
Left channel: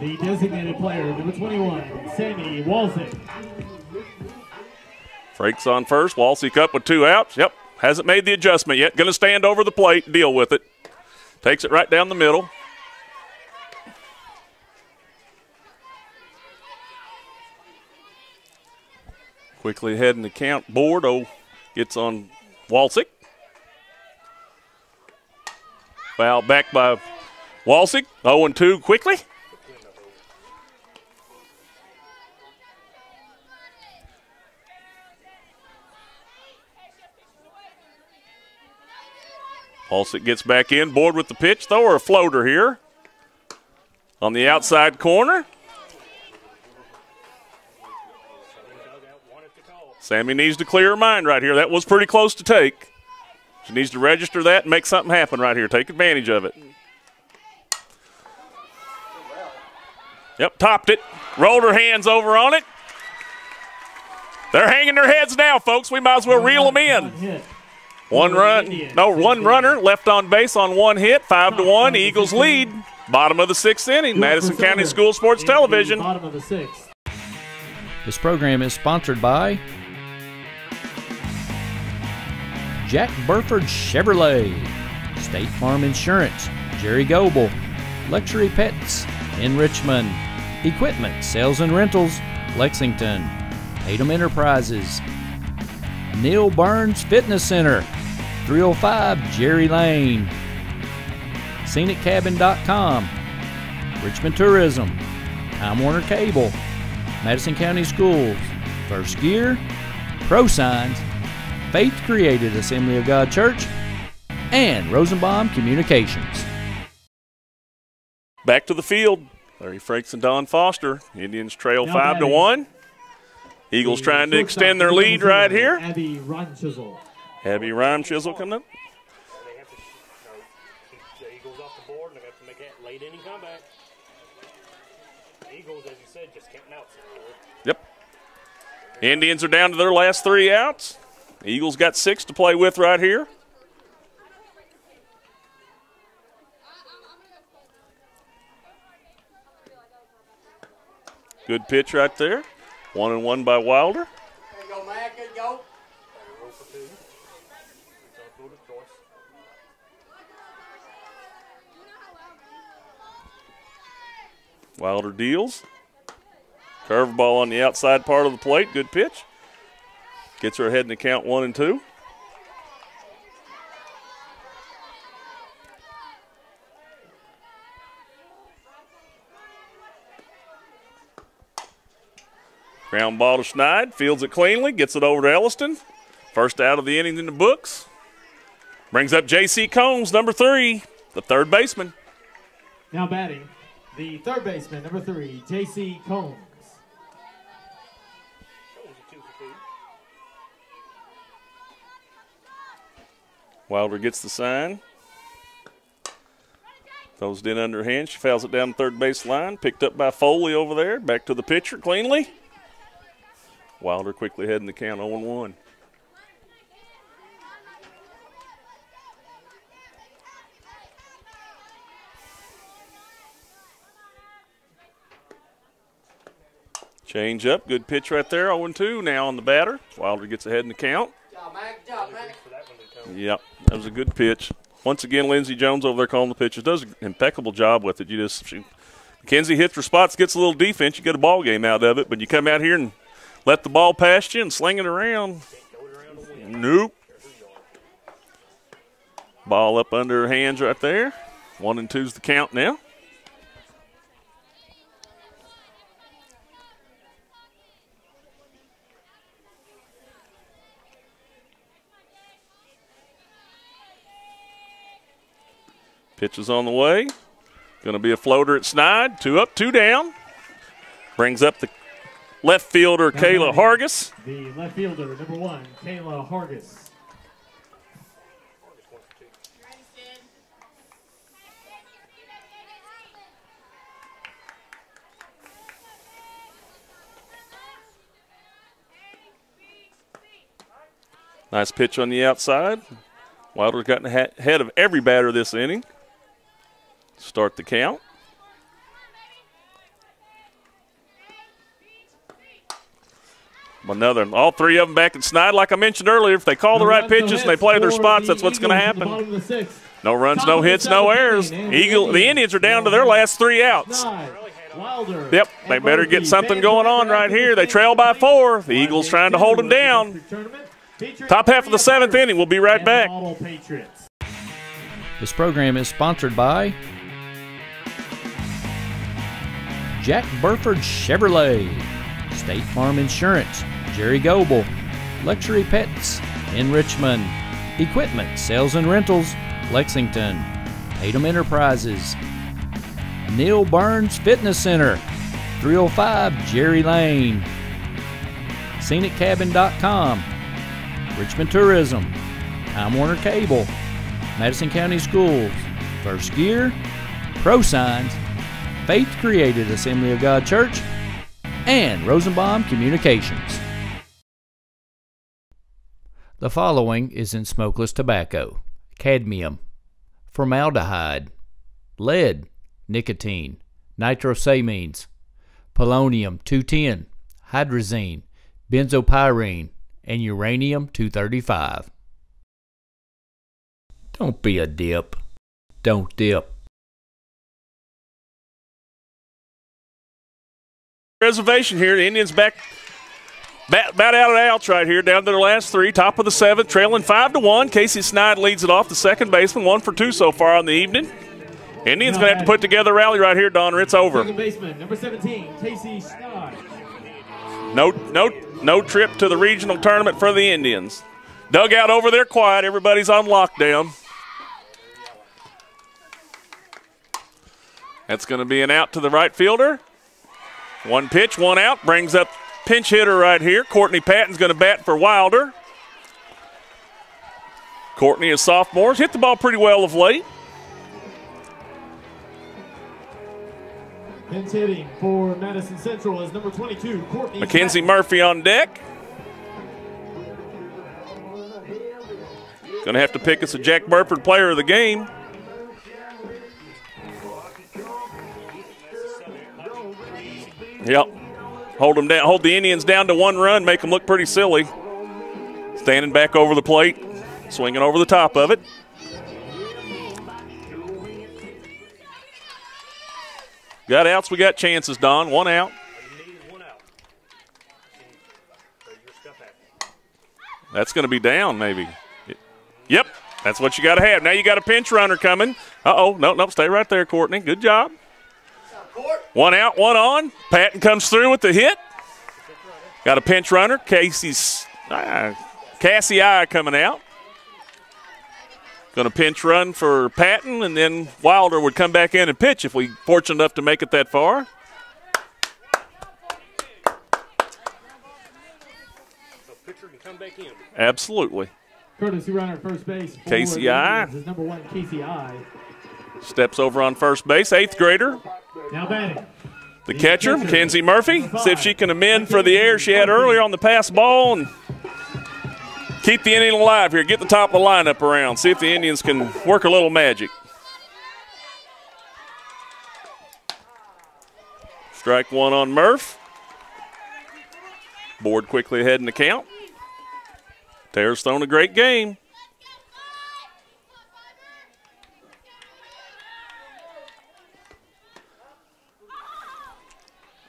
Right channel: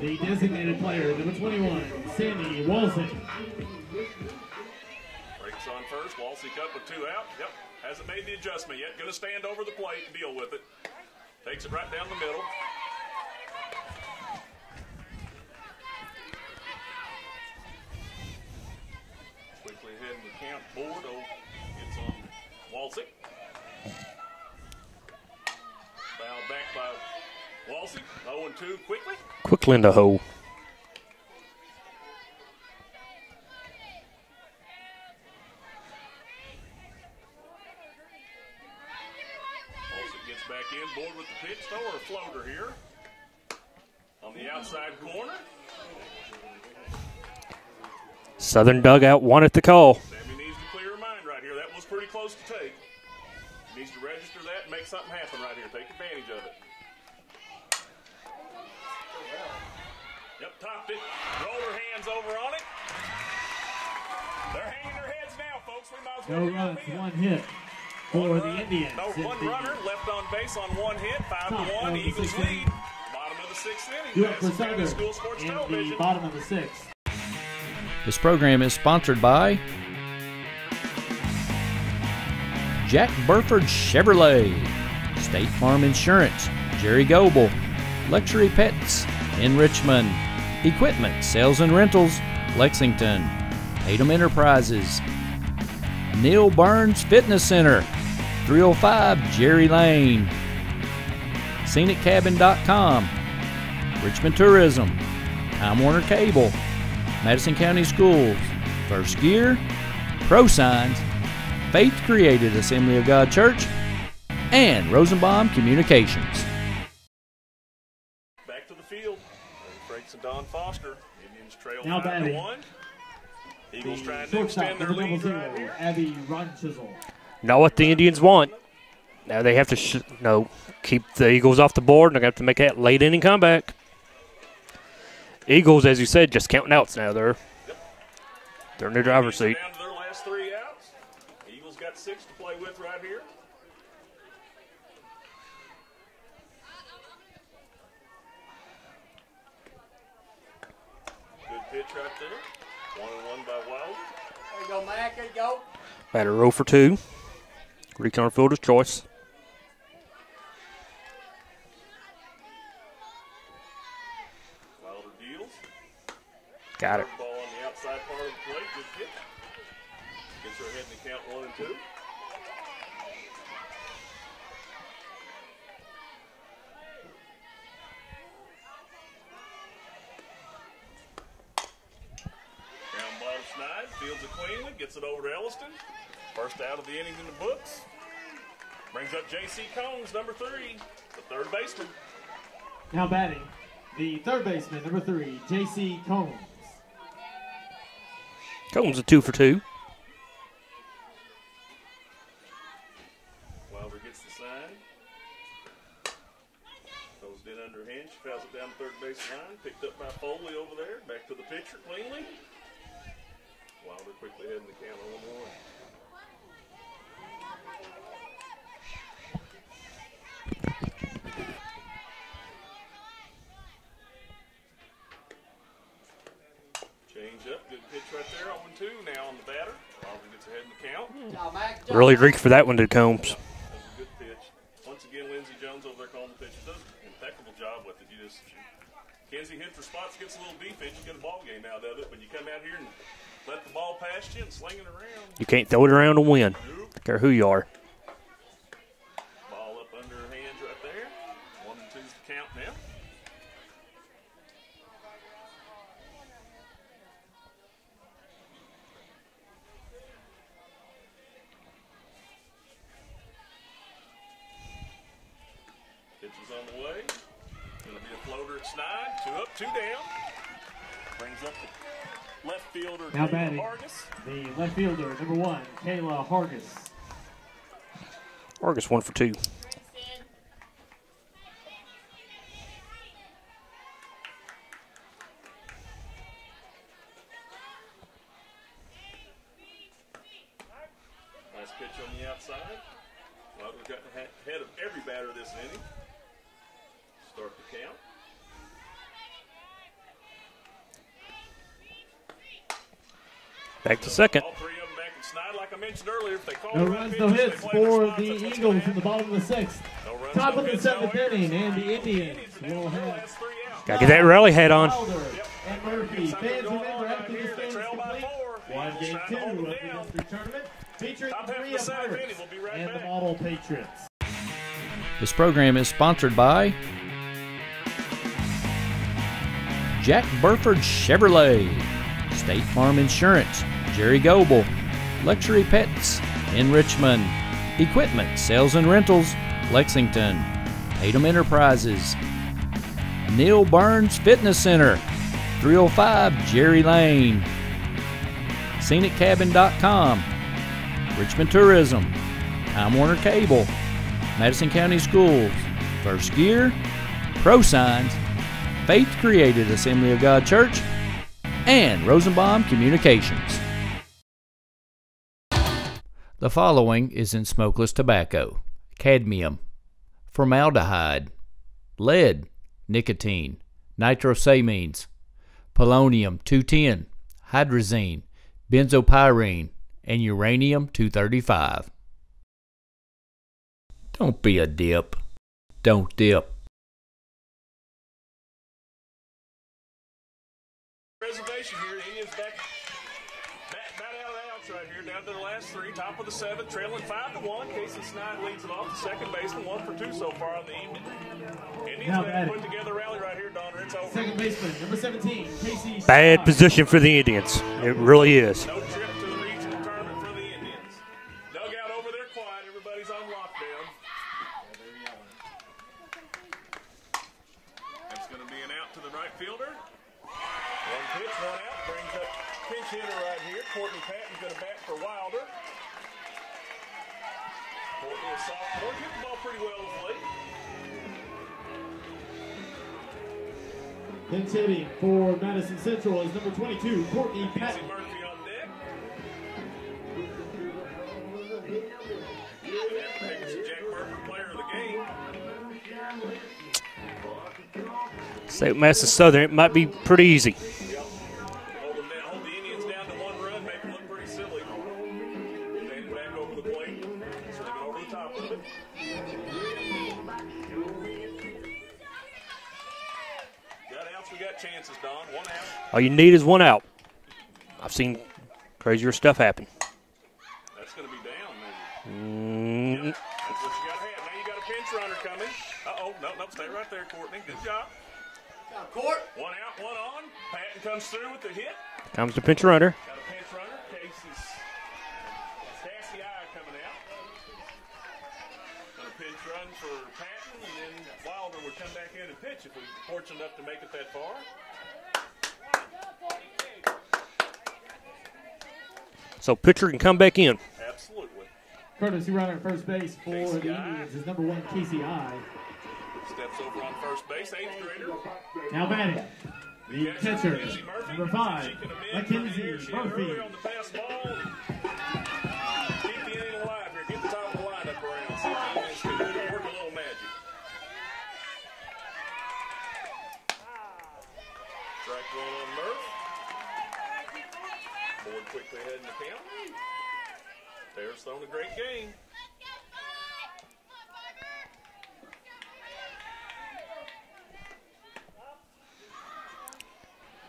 the designated player, number 21, Sammy Walchik. Frakes on first. Walchik up with 2 outs. Yep, hasn't made the adjustment yet. Going to stand over the plate, deal with it. Takes it right down the middle. Quickly ahead in the count. Board gets on Walchik. Foul back by Walchik. 0-2 quickly. Quickly in the hole. Walchik gets back in. Board with the pitch. Throw her a floater here. On the outside corner. Southern dugout wanted the call. Sammy needs to clear her mind right here. That was pretty close to take. She needs to register that and make something happen right here. Take advantage of it. Yep, topped it. Rolled her hands over on it. They're hanging their heads now, folks. We might as well reel them in. One runner left on base on 1 hit. 5-1. Eagles lead. Bottom of the 6th inning. Madison County School Sports Television. Bottom of the 6th. This program is sponsored by Jack Burford Chevrolet, State Farm Insurance, Jerry Goebel, Luxury Pets in Richmond, Equipment Sales and Rentals, Lexington, Tatum Enterprises, Neil Burns Fitness Center, 305 Jerry Lane, ScenicCabin.com, Richmond Tourism, Time Warner Cable, Madison County Schools, First Gear, Pro Signs, Faith Created Assembly of God Church, and Rosenbaum Communications. Back to the field. Larry Frakes and Don Foster. Indians trail 5-1. Eagles trying to extend their lead right here. Now what the Indians want. Now they have to keep the Eagles off the board, and they're going to have to make that late inning comeback. Eagles, as you said, just counting outs now. They're in their driver's Indians seat. are down to their last 3 outs. The Eagles got 6 to play with right here. Good pitch right there. 1-1 by Wilder. There you go, Mac. There you go. Batter 0 for 2. Reach on fielder's choice. Wilder deals. Curveball on the outside part of the plate. Good pitch. Gets her ahead in the count 1-2. Ground ball to Schneid. Fields it cleanly. Gets it over to Elliston. First out of the inning in the books. Brings up J.C. Combs, number 3, the third baseman. Now batting, the third baseman, number 3, J.C. Combs. Combs a 2 for 2. Wilder gets the sign. Throws it in underhand. She fouls it down the third base line. Picked up by Foley over there. Back to the pitcher cleanly. Wilder quickly heading the count 0-1. Change up. Good pitch right there. 0-2 now on the batter. Wilder gets ahead in the count. Really reached for that one, did Combs. Yep, that was a good pitch. Once again, Lindsey Jones over there calling the pitches. Does an impeccable job with it. Mackenzie hits her spots, gets a little defense. You get a ball game out of it, but you come out here and let the ball past you and sling it around. You can't throw it around and win. Nope. Don't care who you are. Ball up under her hands right there. 1-2's the count now. Pitch is on the way. Going to be a floater at Snide. 2 up, 2 down. Brings up the left fielder, Kayla Hargis. The left fielder, number 1, Kayla Hargis. Hargis 1 for 2. Nice pitch on the outside. Wilder's gotten ahead of every batter this inning. Start the count. All 3 of them back at Snide. Like I mentioned earlier, if they call the right pitches and they play their spots, that's what's going to happen. No runs, no hits, no errors. The Indians are down to their last 3 outs. Get that rally hat on. Yep, they better get something going on right here. They trail by 4. The Eagles trying to hold them down. Top half of the 7th inning. We'll be right back. This program is sponsored by Jack Burford Chevrolet, State Farm Insurance, Jerry Goebel, Luxury Pets in Richmond, Equipment Sales and Rentals, Lexington, Tatum Enterprises, Neil Burns Fitness Center, 305 Jerry Lane, ScenicCabin.com, Richmond Tourism, Time Warner Cable, Madison County Schools, First Gear, Pro Signs, Faith Created Assembly of God Church, and Rosenbaum Communications. The following is in smokeless tobacco: cadmium, formaldehyde, lead, nicotine, nitrosamines, polonium-210, hydrazine, benzopyrene, and uranium-235. Don't be a dip. Don't dip. Reservation here. The Indians back about out of outs right here, down to their last 3. Top of the 7th, trailing 5-1. Casey Snide leads it off, the second baseman. 1 for 2 so far on the evening. Indians going to have to put together a rally right here, Don, or it's over. Second baseman, number 17, Casey Snide. Bad position for the Indians. It really is. No trip to the regional tournament for the Indians. Dugout over there quiet. Everybody's on lockdown. That's going to be an out to the right fielder. 1 pitch, 1 out. Brings up pinch hitter right here. Courtney Patton's going to bat for Wilder. Courtney, a sophomore, has hit the ball pretty well of late. Pinch hitting for Madison Central is number 22, Courtney Mackenzie Murphy on deck. Going to have to pick us a Jack Burford player of the game. St. Madison Southern, it might be pretty easy. Yep. Hold them down. Hold the Indians down to 1 run. Make them look pretty silly. Standing back over the plate, swinging over the top of it. Got outs, we got chances, Don. 1 out. All you need is 1 out. I've seen crazier stuff happen. That's going to be down, maybe. Yep, that's what you got to have. Now you got a pinch runner coming. Uh-oh, no, stay right there, Courtney. Good job. 1 out, 1 on. Patton comes through with the hit. Comes the pinch runner. Got a pinch runner. Cassie I coming out. Going to pinch run for Patton, and then Wilder would come back in and pitch if we fortunate enough to make it that far. So pitcher can come back in. Absolutely. Courtesy runner first base. Casey I. Is number 1, Casey I. Steps over on first base, 8th grader. Now batting. The catcher, Mackenzie Murphy. See if she can amend for the error she had earlier on the pass ball and keep the inning alive here. Get the top of the lineup around. See if the Indians can work a little magic. Strike 1 on Murph. Board quickly ahead in the count. Tara's thrown a great game.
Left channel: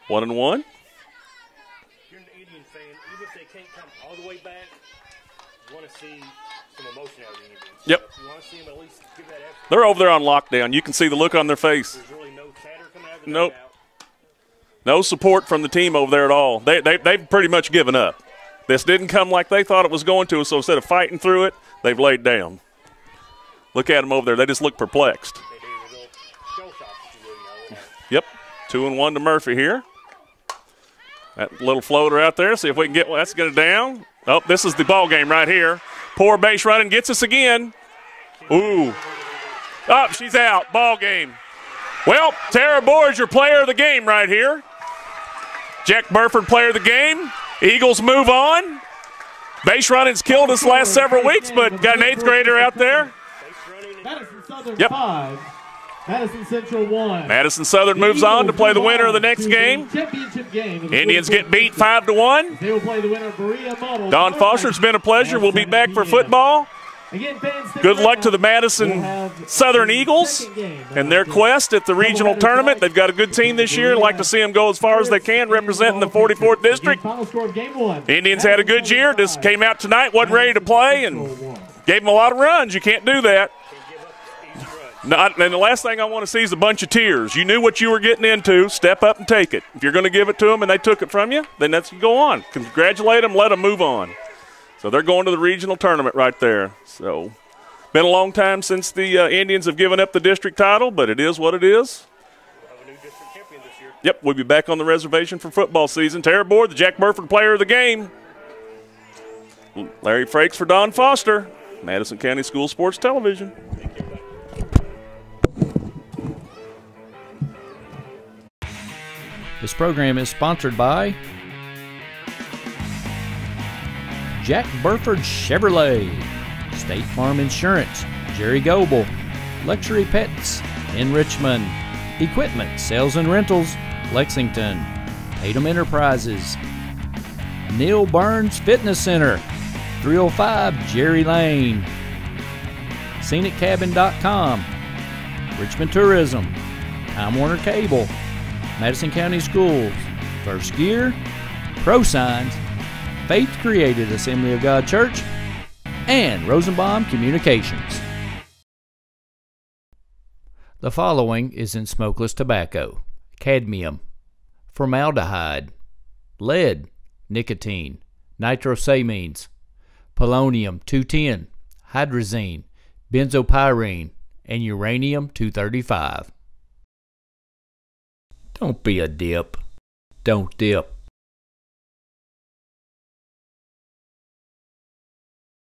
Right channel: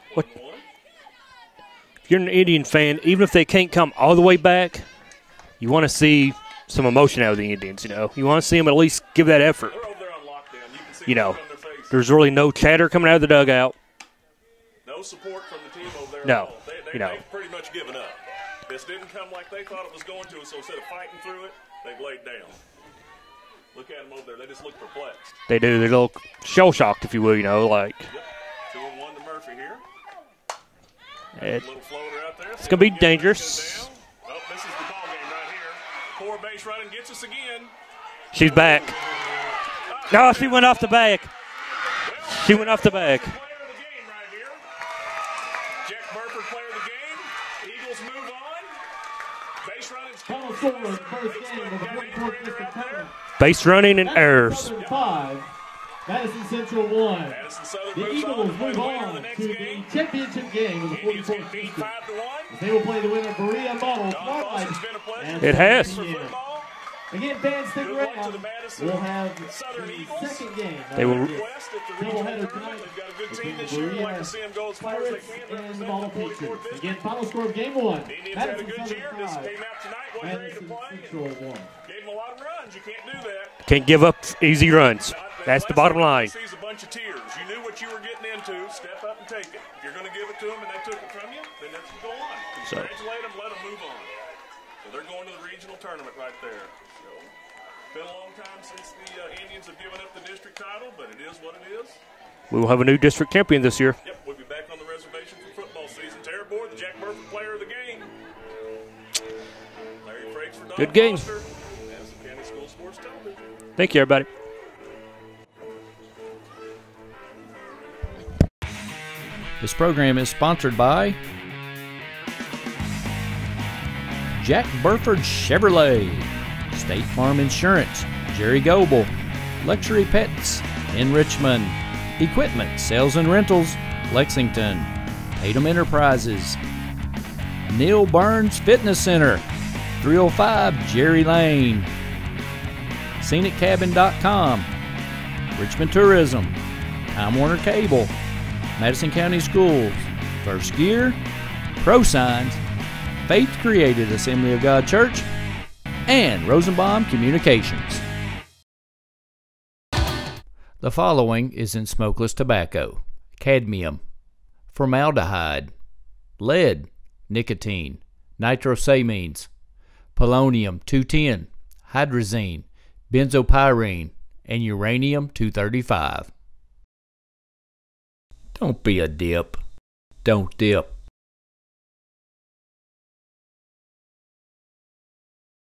One and one. If you're an Indian fan, even if they can't come all the way back, you want to see some emotion out of the Indians. You know, you want to see them at least give that effort. They're over there on lockdown. You can see the look on their face. There's really no chatter coming out of the dugout. No support from the team over there at all. They've pretty much given up. This didn't come like they thought it was going to, so instead of fighting through it, they've laid down. Look at them over there. They just look perplexed. They do. They're a little shell-shocked, if you will, like. Yep. 2-1 to Murphy here. That little floater out there. See if we can get it down. Oh, this is the ball game right here. Poor base running gets us again. She's back. Oh, she's out. Went off ball the game. Well, Tara Boyd's your player of the game right here. Jack Burford, player of the game. Eagles move on. Base running's killed us the last several weeks, but got an 8th grader out there. Base running and errors. Yep. 5, Madison Central 1. Madison Southern moves on to play the winner of the next game. Indians get beat 5-1. They will play the winner, Berea Model. Don Foster, it's been a pleasure. We'll be back for football. Again, fans, Good luck to the Madison Southern Eagles and their quest at the regional tournament. They've got a good team this year. I'd like to see them go as far as they can, representing the 44th District. The Indians had a good year. Just came out tonight, wasn't ready to play, and gave them a lot of runs. You can't do that. Can't give up easy runs. And the last thing I want to see is a bunch of tears. You knew what you were getting into. Step up and take it. If you're going to give it to them and they took it from you, then let's go on. Congratulate them. Let them move on. So they're going to the regional tournament right there. So been a long time since the Indians have given up the district title, but it is what it is. We will have a new district champion this year. Yep, we'll be back on the reservation for football season. Tara Boyd, the Jack Burford player of the game. Larry Frakes for Don Foster. Madison County School Sports Television. Thank you, everybody. This program is sponsored by Jack Burford Chevrolet, State Farm Insurance, Jerry Goebel, Luxury Pets in Richmond, Equipment, Sales and Rentals, Lexington, Tatum Enterprises, Neil Burns Fitness Center, 305 Jerry Lane, ScenicCabin.com, Richmond Tourism, Time Warner Cable, Madison County Schools, First Gear, Pro Signs, Faith Created Assembly of God Church, and Rosenbaum Communications. The following is in smokeless tobacco: cadmium, formaldehyde, lead, nicotine, nitrosamines, polonium-210, hydrazine, benzopyrene, and uranium-235. Don't be a dip. Don't dip.